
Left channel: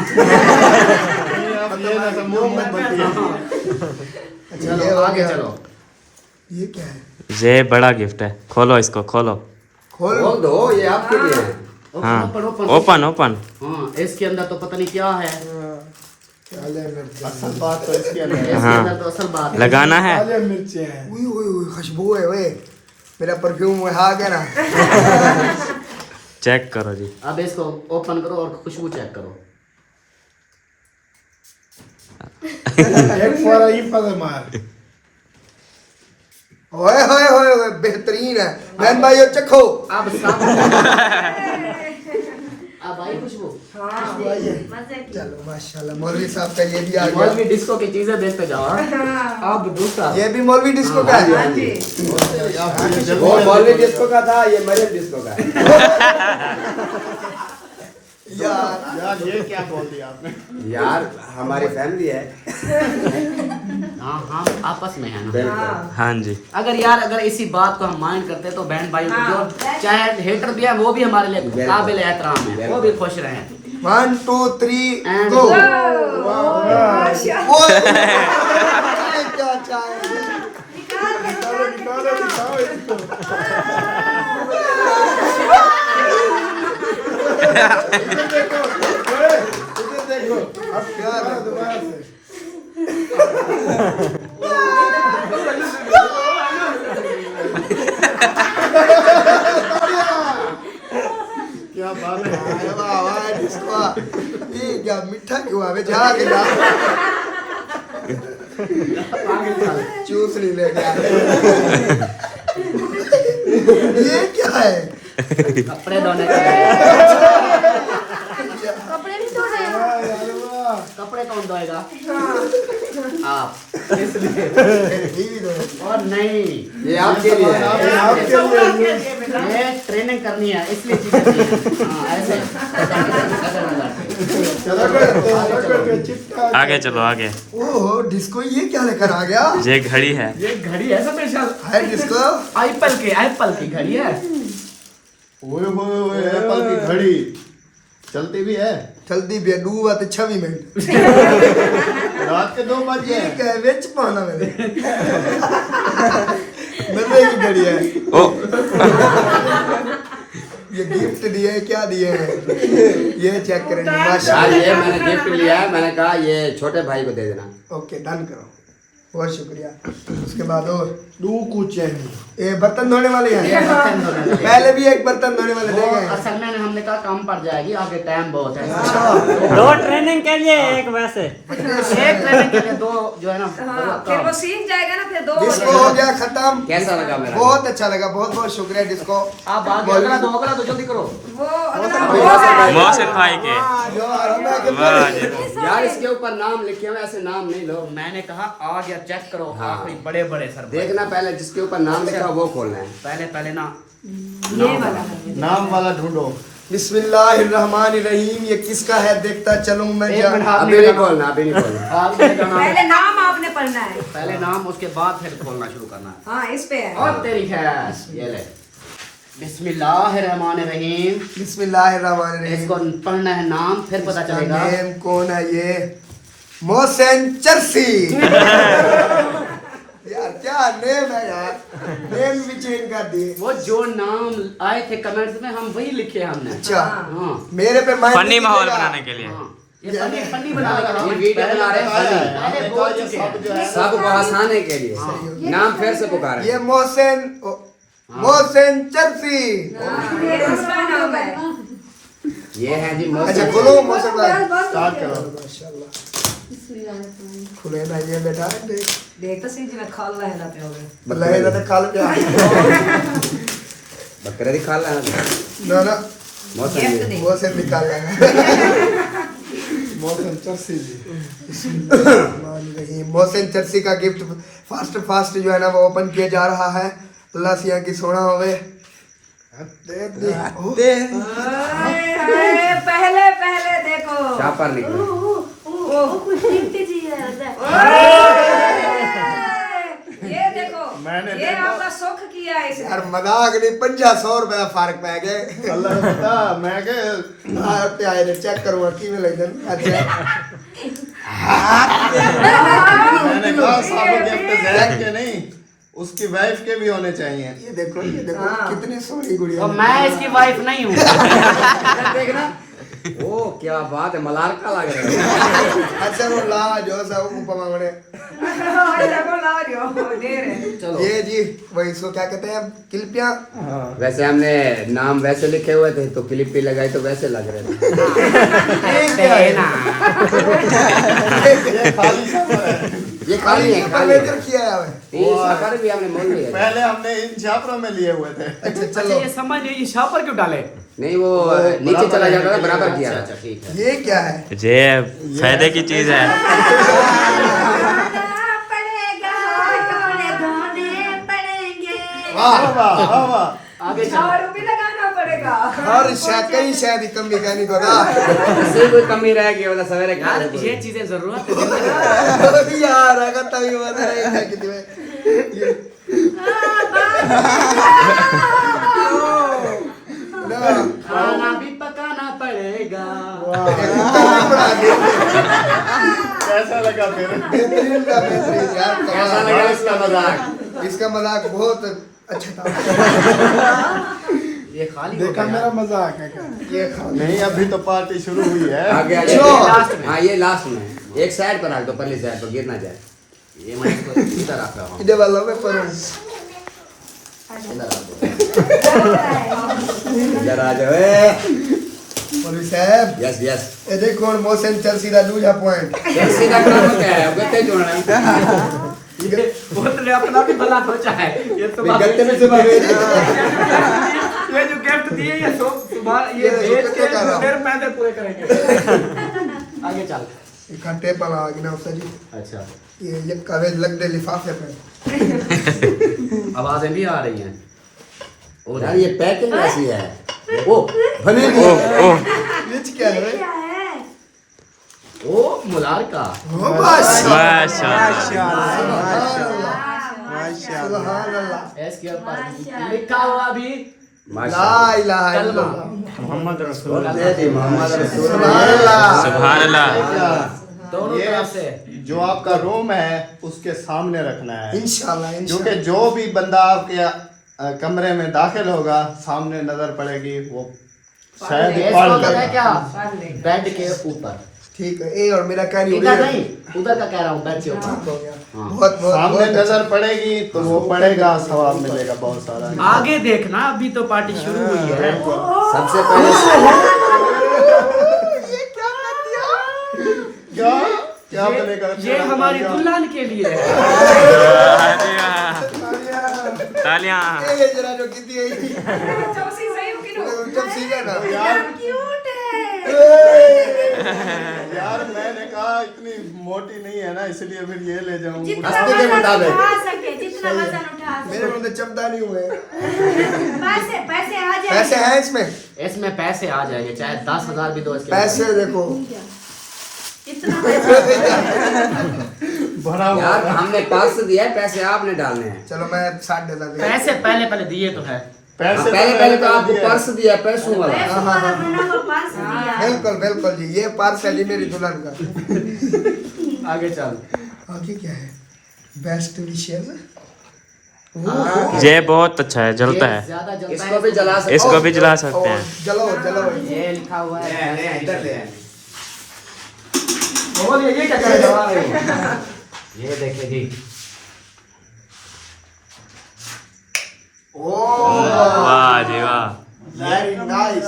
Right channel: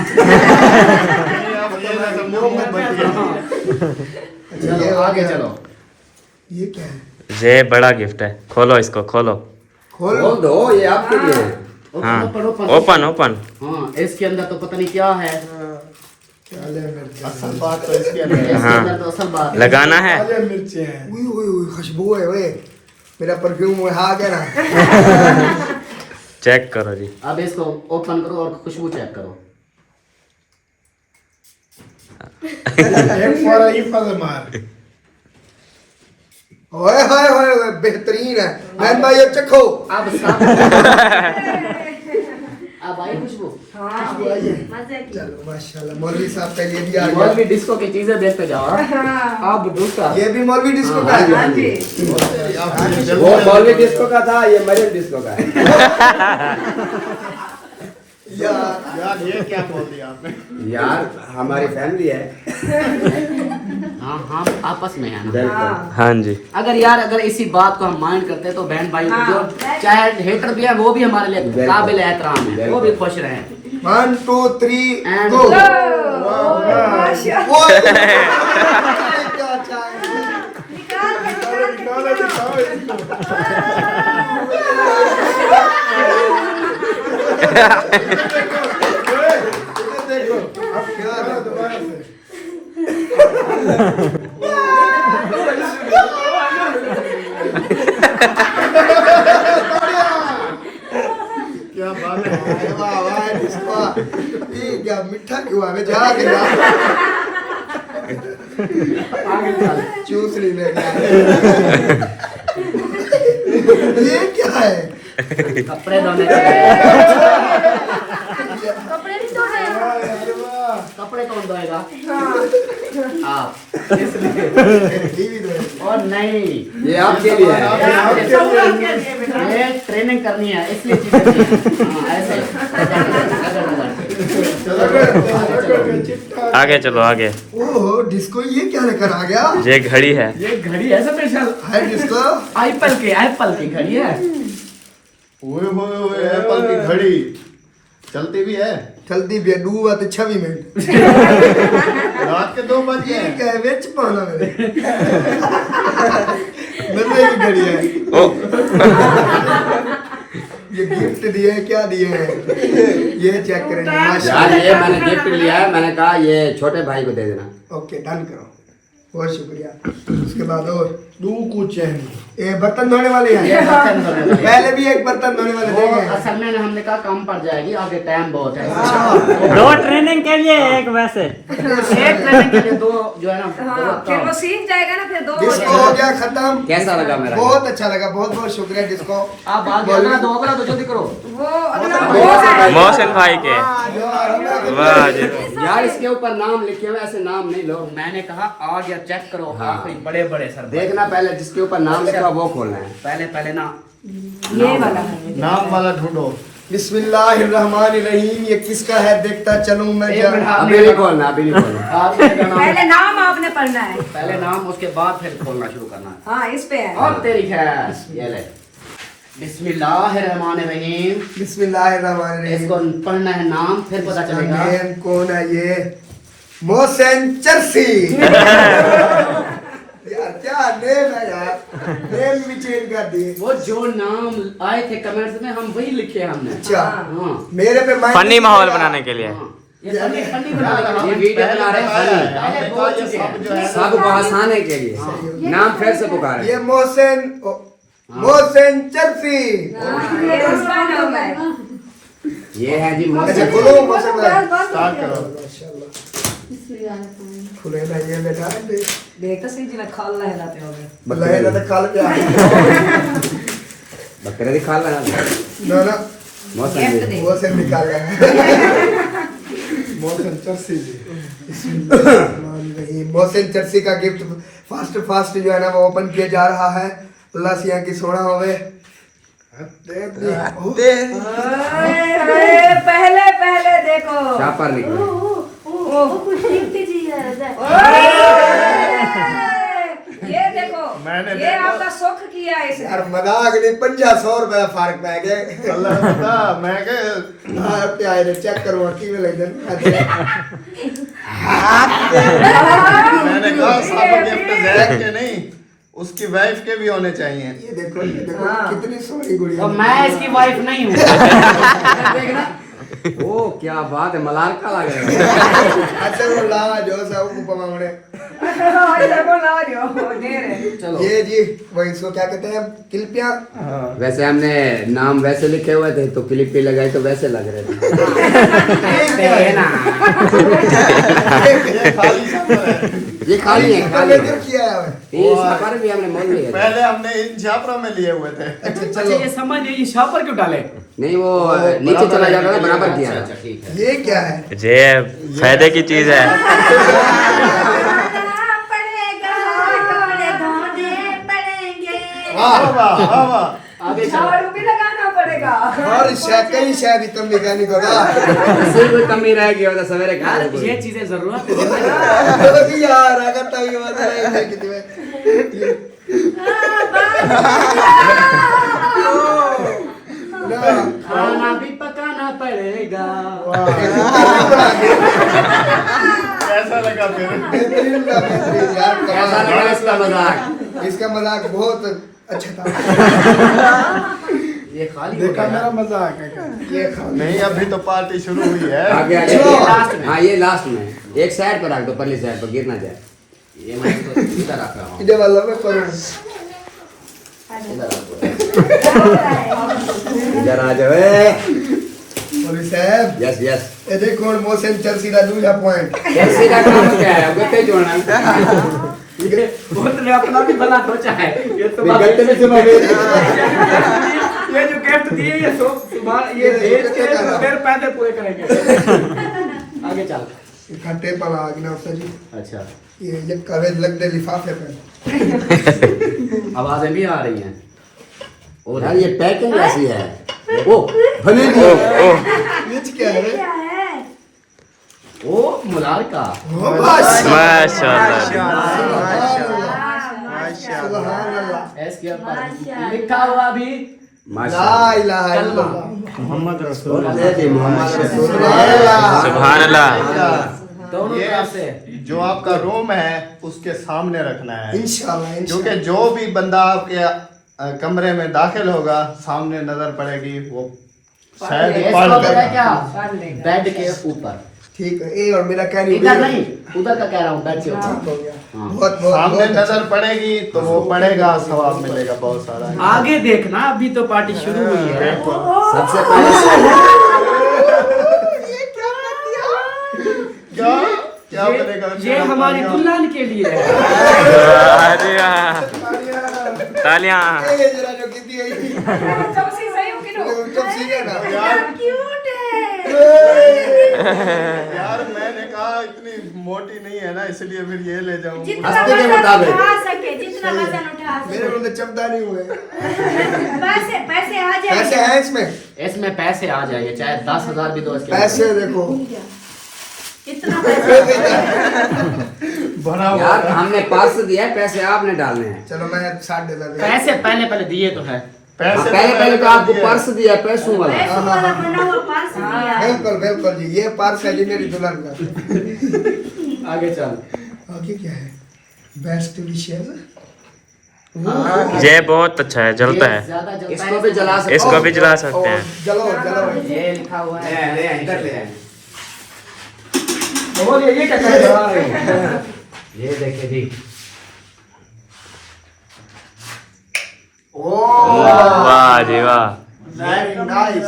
चलो आगे चलो। ये क्या है? ये बड़ा गिफ्ट है, खोलो इसको, खोलो। खोल खोल दो, ये आपके लिए है। हाँ ओपन ओपन ओपन। हाँ, इसके अंदर तो पता नहीं क्या है। काले मिर्च। असल बात तो इसके अंदर है। इसके हाँ। अंदर तो असल बात है। लगाना है। काले मिर्चे हैं। उई उई उई खुशबू है वे। मेरा परफ्यूम वो आ गया ना। चेक करो जी। अब इसको ओपन करो और खुशबू चेक करो। एक फौरा ही पग मार। ओए होए होए होए, बेहतरीन है। मैन भाई ये चखो। अब सब अब आई खुशबू। चलो माशाल्लाह, मौलवी साहब का ये भी आ गया। मौलवी डिस्को की चीजें देखते जाओ। अब दूसरा ये भी मौलवी डिस्को का है। वो मौलवी डिस्को का था, ये मरियम डिस्को का है। यार ये क्या बोल दिया आपने? यार हमारी फैमिली है। हाँ हाँ आपस में है ना। हाँ जी। अगर इसी बात को हम माइंड करते तो बहन भाई जो चाहे हेटर भी है वो भी हमारे लिए काबिल एहतराम है, वो भी खुश रहे। 1 2 3 And गो। go। वो क्या चाहे। देखो अब क्या है दोबारा से। क्या बात है। वाह वाह डिस्को। ये क्या मीठा क्यों है? जा के ना चूस नहीं ले गया। ये क्या है? कपड़े धोने के लिए। कपड़े कौन धोएगा? आप। इसलिए टीवी तो है। और नहीं, ये आपके लिए है। ये ट्रेनिंग करनी है इसलिए चीजें चाहिए। हाँ, ऐसे आगे चलो आगे। ओह डिस्को ये क्या लेकर आ गया? ये घड़ी है। ये घड़ी है स्पेशल। है डिस्को? एप्पल की घड़ी है। ओए होए होए, एप्पल की घड़ी चलती भी है। चलती भी है। 2:26 मिनट। रात के 2 बज ये गए। क्या है? बेच पाना मैंने। मजे की घड़ी है। ओ ये गिफ्ट दिए हैं, क्या दिए हैं? ये चेक करेंगे यार माशाल्लाह। ये मैंने गिफ्ट लिया है, मैंने कहा ये छोटे भाई को दे देना। ओके डन करो, बहुत शुक्रिया। उसके बाद और ये बर्तन धोने वाले ये हैं। बर्तन धोने वाले। पहले भी एक बर्तन धोने वाले वो देंगे। असल में हमने कहा कम पड़ जाएगी, आगे टाइम बहुत है। वो ट्रेनिंग के लिए एक वैसे। एक ट्रेनिंग के लिए 2 जो है ना हाँ, फिर वो सीख जाएगा ना, फिर 2 डिस्को हो गया खत्म। कैसा लगा मेरा? बहुत अच्छा लगा, बहुत बहुत शुक्रिया डिस्को। आप आगे अगला तो जल्दी करो। वो अगला वो है। मोहसिन भाई के। वाह जी। यार इसके ऊपर नाम लिखे हुए, ऐसे नाम नहीं लो। मैंने कहा आ गया, चेक करो। आखिरी बड़े बड़े सर देखना पहले जिसके ऊपर नाम लिखा वो खोलना है। पहले ना ये वाला है। नाम वाला ढूंढो। बिस्मिल्लाहिर्रहमानिर्रहीम। ये किसका है देखता चलूं मैं। एक मिनट हाथ अभी नहीं नहीं खोलना, अभी नहीं खोलना। हाथ में लगाना। पहले नाम आपने पढ़ना है। पहले नाम, उसके बाद फिर खोलना शुरू करना है। हाँ इस पे है। और तेरी खैर ये ले। बिस्मिल्लाहिर्रहमानिर्रहीम। बिस्मिल्लाहिर्रहमानिर्रहीम। इसको पढ़ना है नाम, फिर पता चलेगा। नेम कौन है ये? मोहसिन चरसी। यार क्या नेम है यार, नेम भी चेंज कर दिए। वो जो नाम आए थे कमेंट्स में हम वही लिखे हमने। अच्छा हाँ मेरे पे माइंड फनी माहौल बनाने के लिए। हाँ। ये फनी बनाने के लिए ये वीडियो बना रहे हैं पहले बोल चुके हैं। सबको हंसाने के लिए। नाम फिर से पुकारे। ये मोहसिन चरसी। ये उसका नाम है। ये है जी अच्छा मोहसिन। खुलो मोहसिन भाई, स्टार्ट करो। माशाल्लाह खुले ना ये बेटा देख तो सही जिला खाल रहे ना पे लगे ना तो खाल पे बकरे दिखा रहा है। ना ना मोहसिन जी। मोहसिन निकाल गए। मोहसिन चरसी जी। मोहसिन चर्सी का गिफ्ट फास्ट जो है ना वो ओपन किया जा रहा है। अल्लाह से यहाँ की सोना होवे। पहले पहले देखो पर ये देखो ये आपका सुख किया है इसने। यार मजाक नहीं, 500 रुपया फर्क पै गए। अल्लाह पता मैं के प्यारे चेक करो की में लग मैंने कहा साबुन गिफ्ट जैक के नहीं उसकी वाइफ के भी होने चाहिए। ये देखो कितनी सोनी गुड़िया। तो मैं इसकी वाइफ नहीं हूँ। ओ क्या बात है, मलारका लग रहा अच्छा वो ला जो सा ऊपर मांगने। चलो ये जी वही सो क्या कहते हैं क्लिपियां। वैसे हमने नाम वैसे लिखे हुए थे तो क्लिप पे लगाए तो वैसे लग रहे थे। ये खाली है, पर लेकर किया है। 30 पर भी हमने मोल लिया। पहले हमने इन छापरों में लिए हुए थे। अच्छा अच्छा चलो ये समझ नहीं, ये शापर क्यों डाले? नहीं वो नीचे चला जाता है बराबर किया। अच्छा ठीक है। ये क्या है? ये फायदे की चीज है। वाह वाह वाह वाह। आगे चलो। झाड़ू भी लगाना पड़ेगा। और शायद कहीं शायद ही कम मैकेनिक होगा। किसी को कमी रह गई मतलब सवेरे यार ये चीजें जरूरत है। यार अगर तभी बता रहे हैं कितने खाना भी पकाना पड़ेगा। कैसा लगा फिर? बेहतरीन था, बेहतरीन यार कैसा लगा इसका मजाक? इसका मजाक बहुत अच्छा था। ये खाली हो देखा गया। मेरा मजाक है क्या? ये खाओ। नहीं अभी तो पार्टी शुरू हुई है। आगे आगे चलो। लास्ट में। हाँ ये लास्ट में एक साइड पर रख दो, पहली साइड पर गिर ना जाए। ये मैं इसको इधर रख रहा हूँ। इधर वाला में पर इधर आ जाओ। मौलवी साहब यस यस। ये देखो मोहसिन चर्सी का दूजा पॉइंट। कैसे का काम क्या है? गत्ते जोड़ना है। बोतल अपना भी भला सोचा है। ये तो बात गत्ते में सुबह ये जो गिफ्ट दिए ये सुबह ये भेज के फिर पैदल पूरे करेंगे। आगे चल। इकट्ठे पर आ गया ना जी। अच्छा ये कवे लग दे लिफाफे पे। आवाजें भी आ रही हैं। और यार ये पैकिंग ऐसी है। ओ भले ओ ओ नीच क्या है? ओ मुलार का। ओ माशाल्लाह। माशाल्लाह। सुभान अल्लाह। इसके ऊपर लिखा हुआ भी ला इलाहा कलमा। इल्लल्लाह। सुभान अल्लाह। सुभान अल्लाह। दोनों ये तरफ से जो आपका रूम है उसके सामने रखना है, इंशाल्लाह क्योंकि इंशाल्लाह। जो भी बंदा आपके कमरे में दाखिल होगा सामने नजर पड़ेगी वो शायद ही इसको पढ़ पता है कर क्या? बेड के ऊपर। ठीक है ये और मेरा कहनी इधर नहीं, उधर का कह रहा हूँ, बेड के ऊपर। हो गया। बहुत बहुत सामने बहुत अच्छा। नजर पड़ेगी तो वो पड़ेगा, सवाब मिलेगा बहुत सारा। आगे देखना, अभी तो पार्टी शुरू हुई है। सबसे पहले क्या करेगा? ये हमारी दुल्हन के लिए है। अरे वाह। तालियां। ये जरा जो कितनी है चौसी सही हो कि नो? चौसी है ना क्यूट है। यार मैंने कहा इतनी मोटी नहीं है ना, इसलिए फिर ये ले जाऊं। जितना हंसते के वजन मुताबिक। उठा सके, जितना वजन उठा मेरे को तो चमदा नहीं हुए। पैसे पैसे आ पैसे जाएंगे। हैं इसमें? इसमें पैसे आ जाएंगे, चाहे 10,000 भी दो इसके। पैसे देखो इतना पैसा भरा हुआ यार हमने पर्स दिया है, पैसे आपने डालने हैं। चलो मैं 60 देता हूं। पैसे पहले पहले दिए तो है। पैसे पहले तो आपको पर्स दिया है, पैसों वाला। पैसों वाला बना हुआ पर्स दिया। बिल्कुल बिल्कुल जी ये पार्स है जी मेरी दुल्हन का। आगे चल। आगे क्या है? बेस्ट विशेष। ये बहुत अच्छा है, जलता है। ज्यादा जलता इसको भी जला सकते इसको भी जला सकते हैं। जलो जलो। ये लिखा हुआ है। इधर ले आए। और ये क्या कर रहा है? ये देखिए जी। वाह जी वाह। Very nice.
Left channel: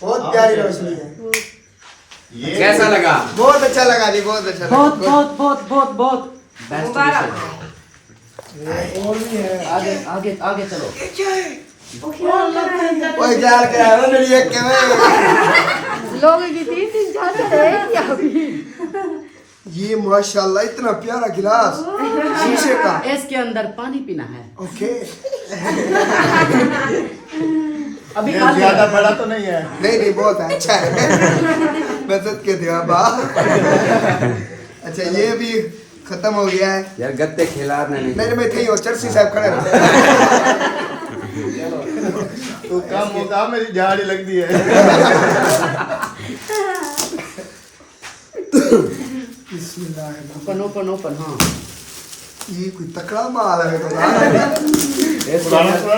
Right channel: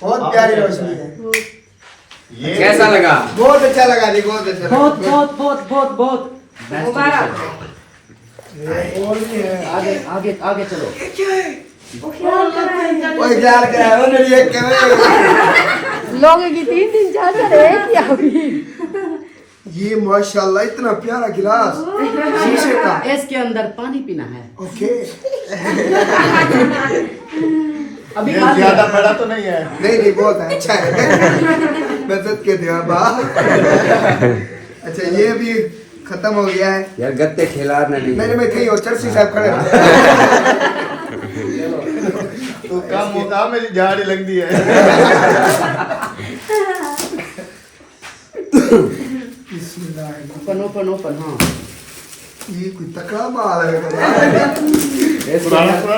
बहुत प्यारी रोशनी है। ये कैसा लगा? बहुत अच्छा लगा जी बहुत अच्छा लगा। बहुत बहुत बहुत बहुत बहुत मुबारक। आगे आगे आगे चलो। ओए यार क्या है मेरी एक लोगों की 3-3 4 ये माशाल्लाह इतना प्यारा गिलास शीशे का। इसके अंदर पानी पीना है। ओके। अभी ज्यादा बड़ा तो नहीं है। नहीं बहुत अच्छा है। मदद के दिया बा। अच्छा ये भी खत्म हो गया है यार, गत्ते खिला नहीं। मैं कहीं और चरसी साहब खड़े तो काम होता मेरी झाड़ी लगती है। ओपन हाँ। ये कोई तकड़ा माल है पुराना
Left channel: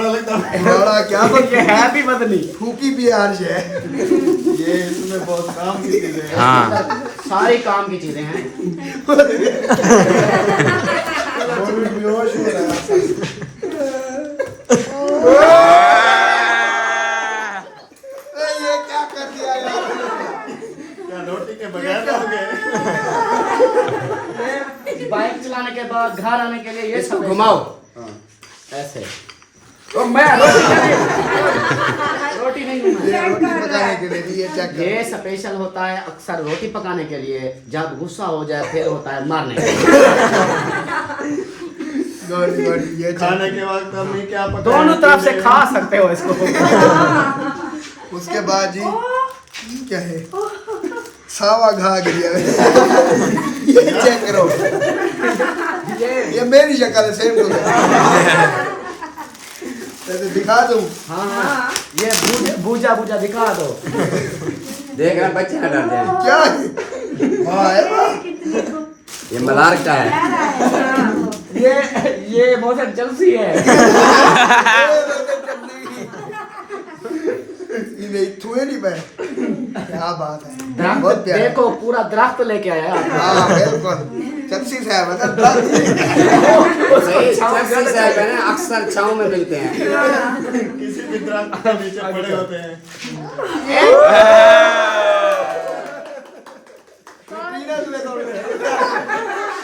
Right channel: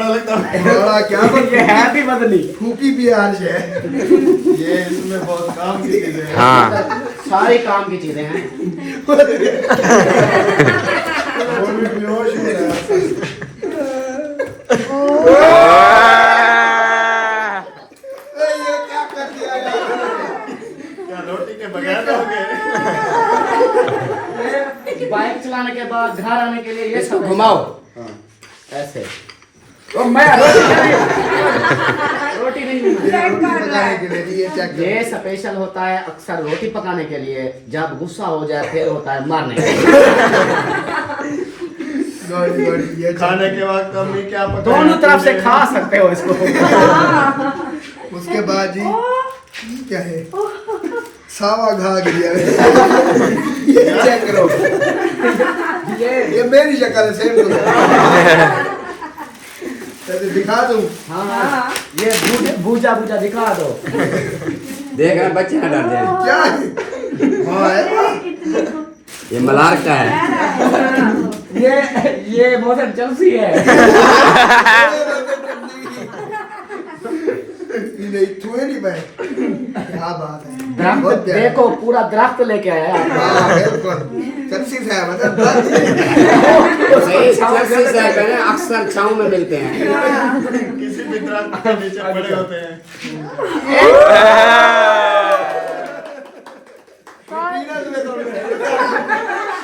लगता है। बड़ा क्या ये है भी बदली। फूकी बिहार है ये इसमें बहुत काम की चीजें हैं। हाँ सारी काम की चीजें हैं। बेहोश हो रहा है। ये क्या कर दिया यार? क्या रोटी के बगैर हो गए? बाइक चलाने के बाद घर आने के लिए ये इसको सब घुमाओ। ऐसे। तो मैं रोटी नहीं ये रोटी पकाने के लिए भी ये चेक करो। ये स्पेशल होता है अक्सर रोटी पकाने के लिए। जब गुस्सा हो जाए फिर होता है मारने के गड़ी ये खाने के बाद मम्मी क्या पकाएं? दोनों तरफ से खा सकते हो इसको। उसके बाद जी ये क्या है? सावा घा गिरिया। ये चेक करो। ये मेरी शक्ल है सेम तो दिखा दूं। हाँ ये भूजा दिखा दो। देख रहा बच्चे ना डर जाए। क्या है? हाँ है। ये मलार का है। ये मोशन चलसी है। ये नहीं थुए नहीं मैं। क्या बात है? दरख्त बहुत प्यारा। देखो पूरा दरख्त लेके आया आप। हाँ बिल्कुल चलसी से है मतलब सही से है, अक्सर छांव में मिलते हैं। किसी भी तरह के नीचे पड़े होते हैं।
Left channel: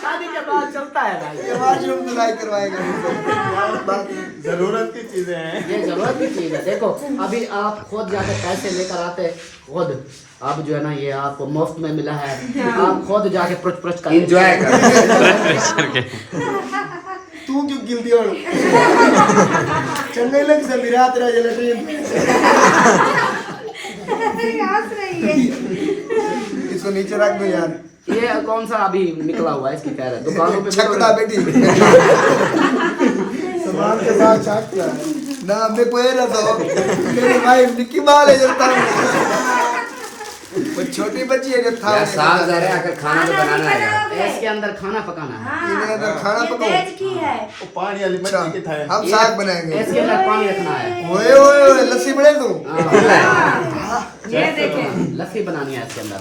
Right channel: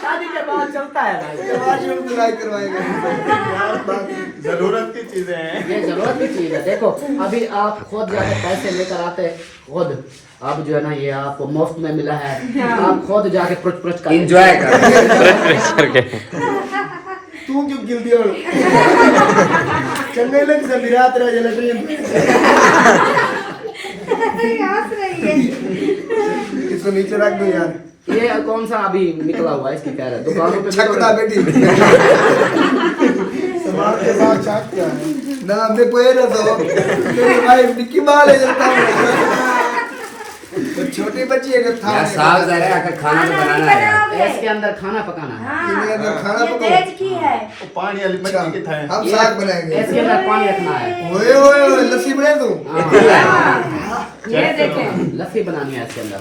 शादी के बाद चलता है भाई। करवाएगा। जरूरत की चीजें हैं। ये जरूरत की चीज है। देखो अभी आप खुद जाके पैसे लेकर आते खुद। अब जो है ना ये आपको मुफ्त में मिला है। आप खुद जाके पुच कर एंजॉय करके तू क्यों गिल दिया? चंगे लग से विराट रहा जले ट्रेन। इसको नीचे रख दो यार। ये कौन सा अभी निकला हुआ है इसकी खैर है दुकानों पे छकड़ा बेटी। सामान के साथ छकड़ा है ना। मैं कोई ना दो मेरी भाई निकी माल है जलता वो छोटी बच्ची है था। यार साफ जा रहा है, खाना तो बनाना है। इसके अंदर खाना पकाना है। इन्हें अंदर खाना ये पकाओ। दहेज की है। वो पानी वाली मछली की था। हम साग बनाएंगे। इसके अंदर पानी रखना है। ओए ओए ओए लस्सी बना दूं। ये देखें लस्सी बनानी है इसके अंदर।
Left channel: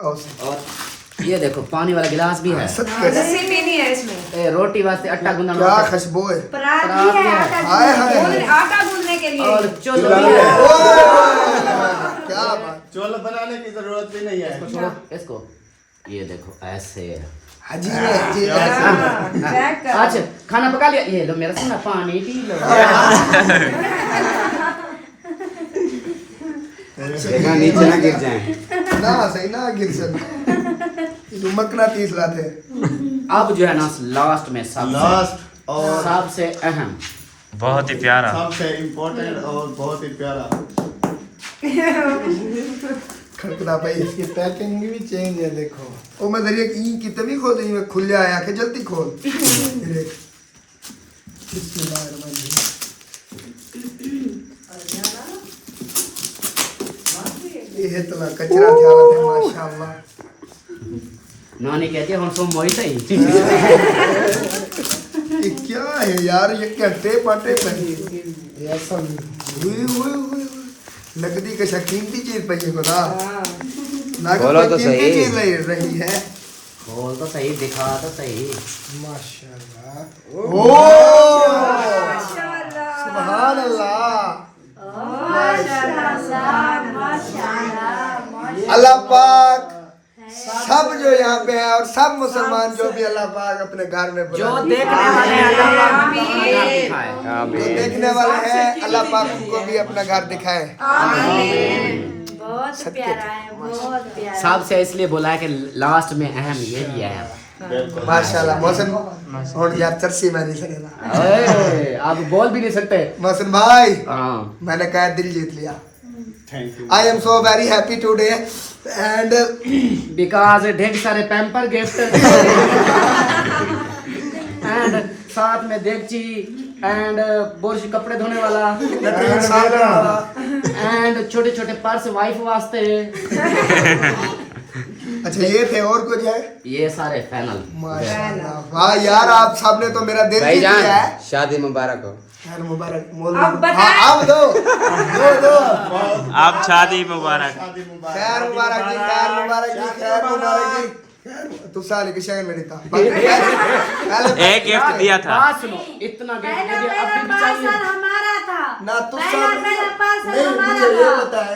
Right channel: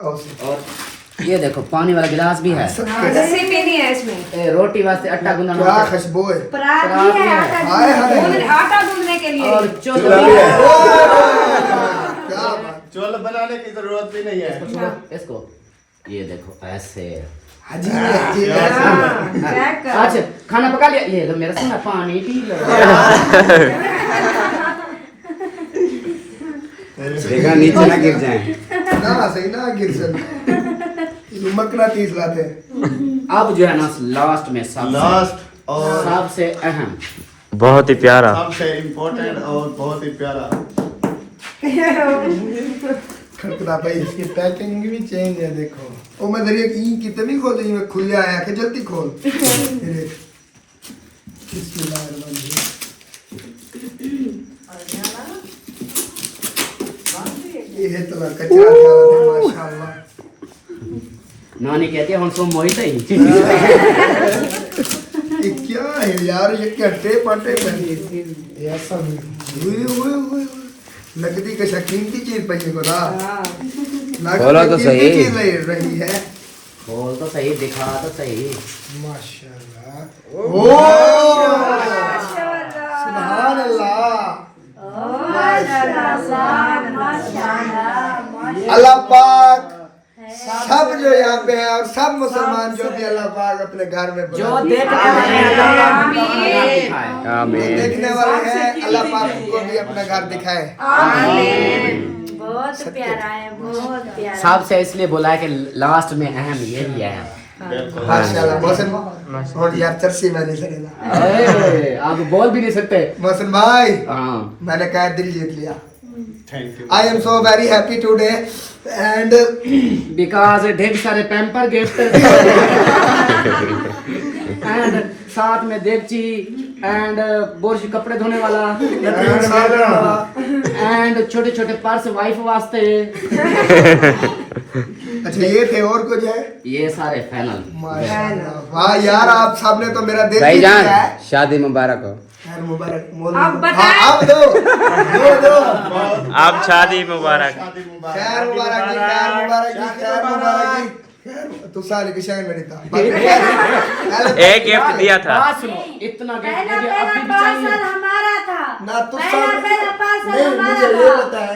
और और ये देखो पानी वाला गिलास भी है। लस्सी पीनी है इसमें। रोटी वास्ते आटा गूंदना क्या होता है। खुशबू है। परात परात भी है, भी है। आटा हाय हाय। गूंदने- आटा गूंदने के लिए। और चुल्लू भी ओए, है। क्या बात। चोल बनाने की जरूरत भी नहीं है। इसको छोड़ो इसको। ये देखो ऐसे। अजीब है अजीब है। हाँ, चेक करो। अच्छा खाना पका लिया। ये तो मेरा सुना पानी पी लो। देखना नीचे ना गिर जाए। ना सही ना गिर चल। मकना 30 लाते हैं। अब जो है ना लास्ट में लास्ट और सबसे अहम बहुत ही प्यारा। सबसे इम्पोर्टेंट और बहुत ही प्यारा। खड़खड़ा भाई इसकी पैकिंग भी चेंज है देखो। ओ मैं दरिया की कितनी खोल दी मैं खुल आया के जल्दी खोल। ये देख। बिस्मिल्लाहिर्रहमानिर्रहीम। ये तो कचरा डाला थे माशाल्लाह। नानी कहती है हम सो मोई सही। ये क्या है यार? ये क्या टेप आटे बनी ये ऐसा हुई नकदी का कीमती चीज पई को ना। बोलो तो कीमती सही। चीज ले रही है। खोल तो सही दिखा तो सही। माशाल्लाह। ओ सुभान अल्लाह। अल्लाह पाक सब जो यहाँ पे है और सब मुसलमान जो भी अल्लाह पाक अपने घर में जो देखने वाले हैं अल्लाह पाक उनको अपना घर दिखाए। जो देखने वाले हैं अल्लाह पाक उनको भी अपना घर दिखाए। बहुत प्यारा है, बहुत प्यारा। सबसे इसलिए बोला है कि लास्ट में अहम ये भी है। माशाल्लाह मौसम और यार चर्ची में नहीं सकेगा। आप बोल भी नहीं सकते। मौसम भाई हाँ मैंने कहा दिल जीत लिया। I am so very happy today and because ढेर सारे पैम्पर गिफ्ट एंड साथ में देगची एंड बुरश कपड़े धोने वाला एंड छोटे छोटे पर्स वाइफ वास्ते। अच्छा ये थे और कुछ है? ये सारे फाइनल। माशाल्लाह वाह यार आप सबने तो मेरा दिल जीत लिया है। शादी मुबारक हो। खैर मुबारक अब बताएं। आप दो आप शादी मुबारक। खैर मुबारक जी, खैर मुबारक जी, खैर मुबारक जी। तू साले की शगन में नहीं था। एक गिफ्ट दिया था। बात सुनो, इतना गिफ्ट पहला मुझे पहला अभी भी पार्सल चाहिए। हमारा था। ना तू पहला पहला पार्सल नहीं हमारा मुझे ये था। बताए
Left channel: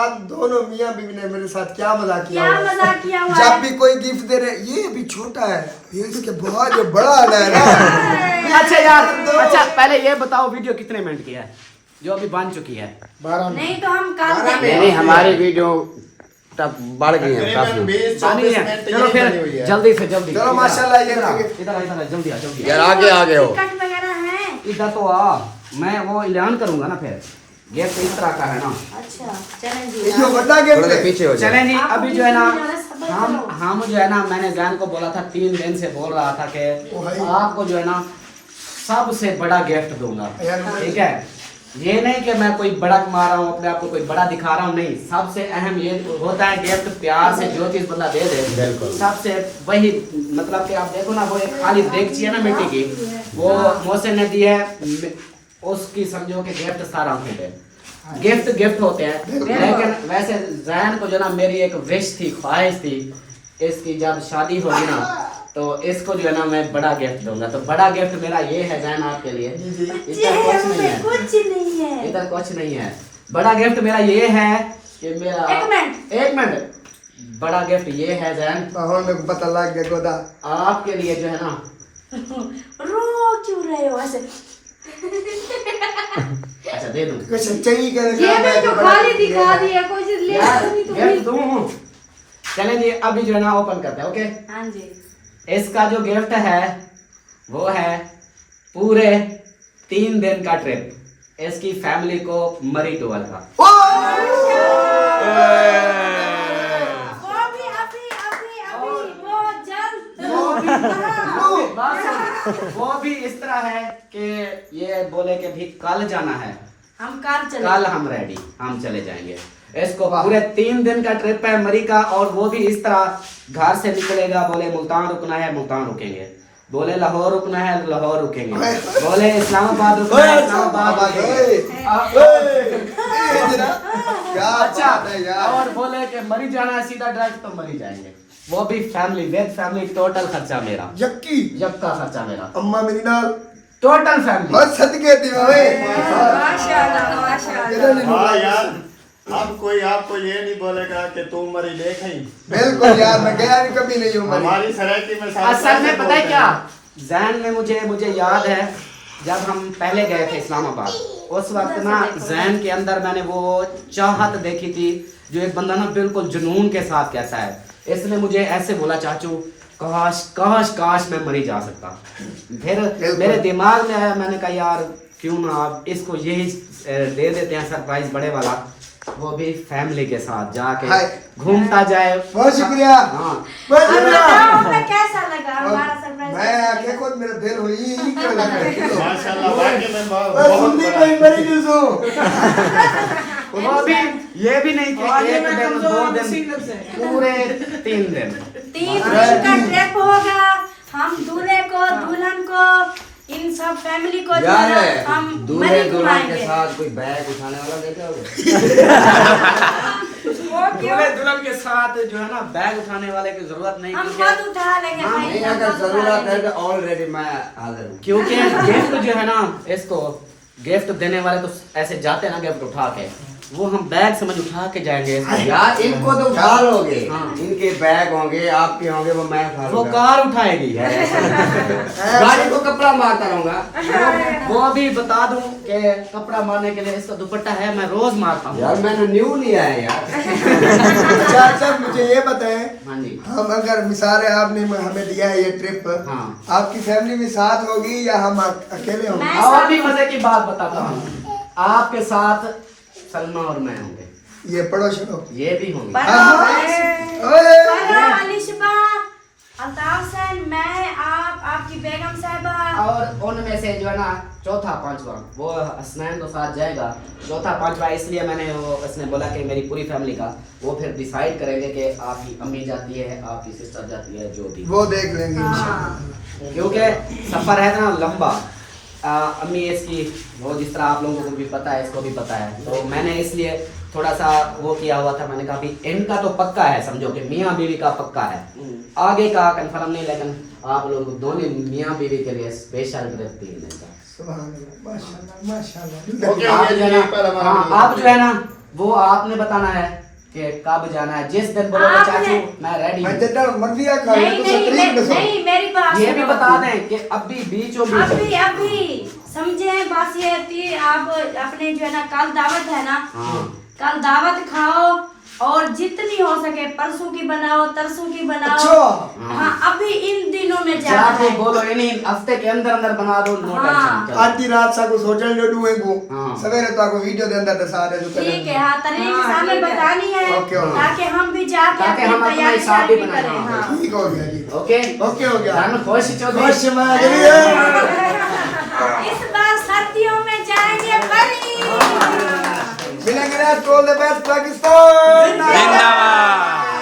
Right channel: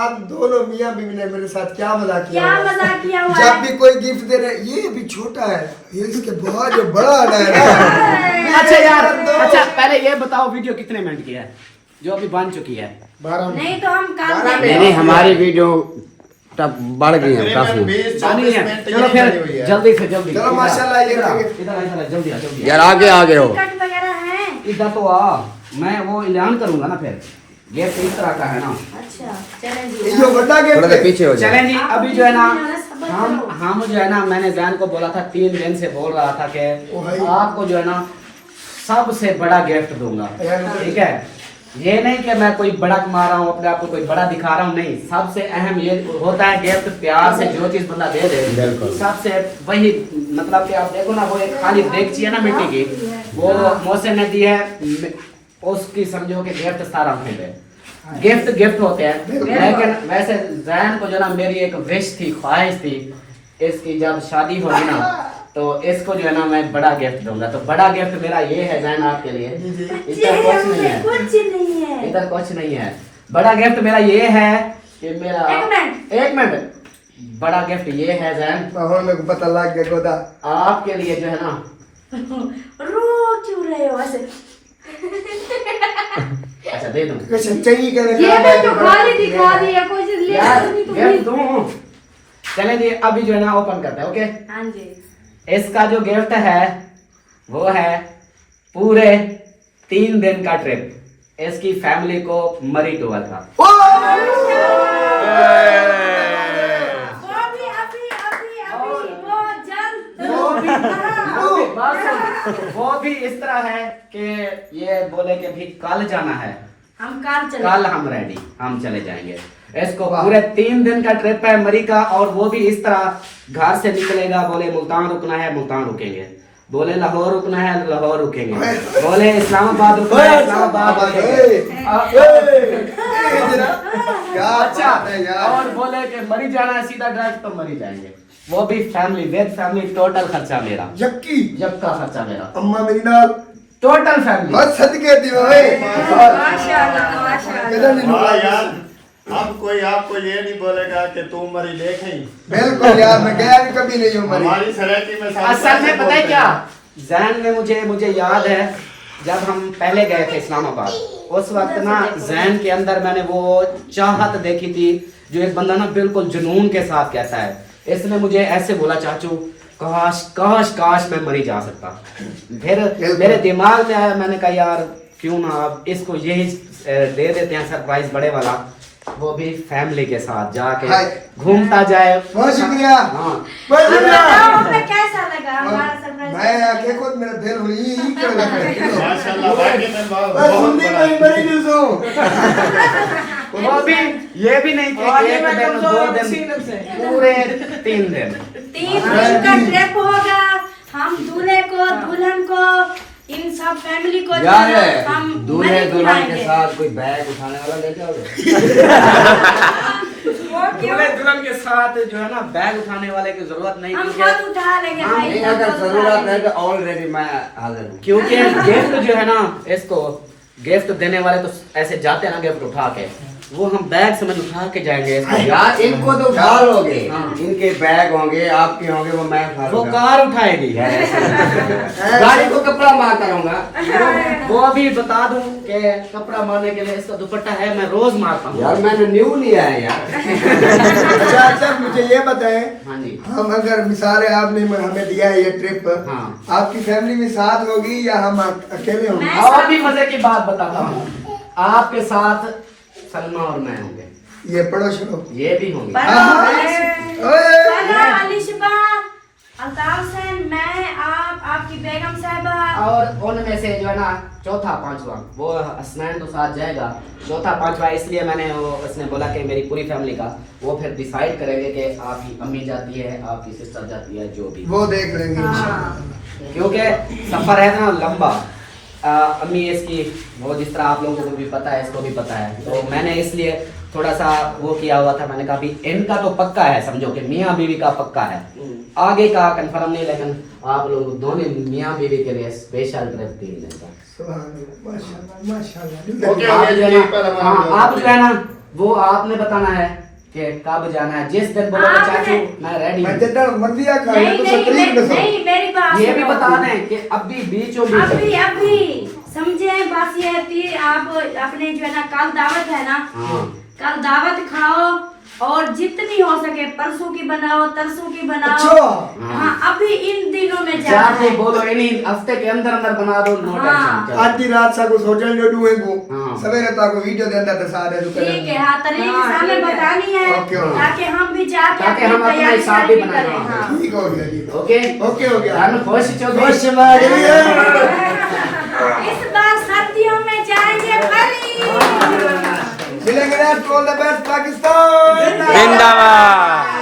आप दोनों मियां बीवी ने मेरे साथ क्या मजाक किया क्या होगा? मजाक किया हुआ जब है? भी कोई गिफ्ट दे रहे ये भी छोटा है ये इसके बहुत जो बड़ा वाला है ना। अच्छा यार, अच्छा पहले ये बताओ वीडियो कितने मिनट की है जो अभी बन चुकी है? नहीं तो हम काम देंगे। नहीं हमारी वीडियो तब बढ़ गई है काफी। पानी है। चलो फिर जल्दी से जल्दी। चलो माशाल्लाह ये इधर इधर जल्दी आ जल्दी। यार आगे आगे हो। टिकट वगैरह है? इधर तो आ, मैं वो ऐलान करूंगा ना फिर। गिफ्ट इस तरह का है ना। अच्छा चलें जी। ये जो बड़ा गिफ्ट थोड़ा है पीछे हो जाओ। चलें जी, अभी जो है ना हम जो है ना मैंने जैन को बोला था 3 दिन से बोल रहा था कि आपको जो है ना सबसे बड़ा गिफ्ट दूंगा। ठीक है, ये नहीं कि मैं कोई बड़ा कमा रहा हूँ अपने आप को कोई बड़ा दिखा रहा हूँ, नहीं। सबसे अहम ये होता है गिफ्ट प्यार से जो चीज बंदा दे दे सबसे वही, मतलब कि आप देखो ना वो एक खाली देगची है ना मिट्टी की, वो मोहसिन ने दी है, उसकी समझो कि गिफ्ट सारा होते हैं। गिफ्ट होते हैं। लेकिन वैसे जैन को जो ना मेरी एक विश थी, ख्वाहिश थी, इसकी जब शादी होगी ना तो इसको जो है ना मैं बड़ा गिफ्ट दूंगा। तो बड़ा गिफ्ट मेरा ये है जैन आपके लिए। इधर कुछ नहीं है, कुछ नहीं है। इधर कुछ नहीं है। बड़ा गिफ्ट मेरा ये है कि मेरा एक मिनट बड़ा गिफ्ट ये है जैन, मेरे को पता लग गया गोदा आपके लिए जो है ना। रो क्यों रहे हो ऐसे? अच्छा दे दूं कुछ चाहिए ये मैं तो खाली दिखा रही है, कुछ ले यार, नहीं तो गिफ्ट दूं। चलें जी अभी जो है ना ओपन करते हैं। ओके, हाँ जी। इसका जो गिफ्ट है वो है पूरे 3 दिन का ट्रिप इसकी फैमिली को मरी टूर का। वो भी अभी बहुत जल्द। वो भी इस तरह है कि ये बोले कि भी कल जाना है, हम कल हम रेडी, हम चले जाएंगे। इसको पूरे 3 दिन का ट्रिप है मरी का, और वो भी इस तरह घर से निकलेगा, बोले मुल्तान रुकना है मुल्तान रुकेंगे, बोले लाहौर रुकना है लाहौर रुकेंगे, बोले इस्लामाबाद रुकना है इस्लामाबाद रुकेंगे। क्या अच्छा, बात है यार। और बोले कि मरी जाना है सीधा डायरेक्ट तो मरी जाएंगे। वो भी फैमिली विद फैमिली, टोटल खर्चा मेरा, यक्की जबका खर्चा मेरा, अम्मा मेरी नाल टोटल फैमिली। बस सदके दियो ओए माशाल्लाह माशाल्लाह। किधर नहीं हाँ रुका यार, अब कोई आपको ये नहीं बोलेगा कि तू मरी देखें। बिल्कुल यार, मैं गया नहीं कभी नहीं हूँ मरी। हमारी सरायकी में असल में पता है क्या, जैन ने मुझे याद है जब हम पहले गए थे इस्लामाबाद, उस वक्त ना जैन के अंदर मैंने वो चाहत देखी थी जो एक बंदा ना बिल्कुल जुनून के साथ कहता है। इसने मुझे ऐसे बोला चाचू काश काश काश मैं मरी जा सकता। फिर मेरे दिमाग में आया, मैंने कहा यार क्यों ना आप इसको यही दे देते हैं सरप्राइज बड़े वाला, वो भी फैमिली के साथ जाके घूमता जाए। बहुत शुक्रिया। हाँ बहुत शुक्रिया। हमें कैसा लगा हमारा सरप्राइज? मैं आके खुद मेरा दिल हुई क्यों लगा माशाल्लाह वाकई में बहुत सुनती बड़ा कोई मरी नहीं सो। वो भी ये भी नहीं कि 1 दिन 2 दिन, पूरे 3 दिन। 3 दिन का ट्रिप होगा। हम दूल्हे को दुल्हन को इन सब फैमिली को जो है हम दूल्हे मरी दुल्हन के घुमाएंगे। साथ कोई बैग उठाने वाला लेके आओगे? दूल्हे दुल्हन के साथ जो है ना बैग उठाने वाले की जरूरत नहीं, हम क्योंकि खुद उठा लेंगे भाई, नहीं, हम अगर खुद जरूरत उठा है तो ऑलरेडी मैं हाजिर हूँ। क्योंकि गिफ्ट जो है ना, इसको गिफ्ट देने वाले तो ऐसे जाते हैं ना गिफ्ट उठा के, वो हम बैग समझ उठा के जाएंगे। यार इनको तो उठा लोगे, हाँ। इनके बैग होंगे, आपके होंगे, वो मैं उठा वो लूंगा। कार उठाएगी। गाड़ी को कपड़ा मारता रहूंगा। वो अभी बता दूं कि कपड़ा मारने के लिए इसका दुपट्टा है, मैं रोज मारता हूँ। यार मैंने न्यू लिया है यार। अच्छा मुझे ये बताएं, हाँ जी। हम अगर मिसाल है आपने हमें दिया है ये ट्रिप, हाँ। आपकी फैमिली में साथ होगी या हम अकेले होंगे? और भी मजे की बात बताता हूँ, आपके साथ सलमा और मैं होंगे, ये पढ़ो शुरू। ये भी होंगे। अल्ताफ हुसैन, मैं, आप, आपकी बेगम साहिबा और उनमें से जो है ना चौथा पांचवा वो हसनैन तो साथ जाएगा, चौथा पांचवा इसलिए मैंने वो उसने बोला कि मेरी पूरी फैमिली का वो फिर डिसाइड करेंगे कि आपकी अम्मी जाती है, आपकी सिस्टर जाती है, जो भी वो देख लेंगे इंशाल्लाह। क्योंकि सफर है ना लंबा। अम्मी इसकी वो जिस तरह आप लोगों को भी पता है, इसको भी पता है, तो मैंने इसलिए थोड़ा सा वो किया हुआ था। मैंने कहा भी इनका तो पक्का है, समझो कि मियाँ बीवी का पक्का है, आगे का कंफर्म नहीं, लेकिन आप लोग दोनों मियाँ बीवी के लिए स्पेशल ट्रिप तीन दिन का। सुभान अल्लाह, माशाल्लाह माशाल्लाह। ओके, आप जो है ना, हाँ आप जो है ना वो आपने बताना है कि कब जाना है। जिस दिन बोलोगे चाचू मैं रेडी हूँ, जितना मर्जी आ खा नहीं तो नहीं तकलीफ में नहीं, मेरी बात ये भी सुनो। बता दें कि अभी बीचों बीच अभी समझे बात ये है कि आप अपने जो है ना कल दावत है ना, हाँ। कल दावत खाओ और जितनी हो सके परसों की बनाओ, तरसों की बनाओ। अच्छा। हाँ अभी इन दिनों में जाना चाचू है। बोलो इन्हीं हफ्ते के अंदर अंदर बना दो, नो हाँ। टेंशन। आधी रात सा को सोचल जो डुए को हाँ। सवेरे तो आपको वीडियो दे अंदर तो सारे जो ठीक है, हाँ तरीके सामने बतानी है ओके, ओके। ताकि हम भी जाके ताकि हम अपना तैयारी हिसाब भी सारी बनाएं। करें। हाँ। ठीक हो गया जी। ओके ओके हो गया। मैं खुश चौधरी। खुश बागली है। इस बार सर्दियों में जाएंगे बली। मिलेंगे to all the best Pakistan. जिंदाबाद।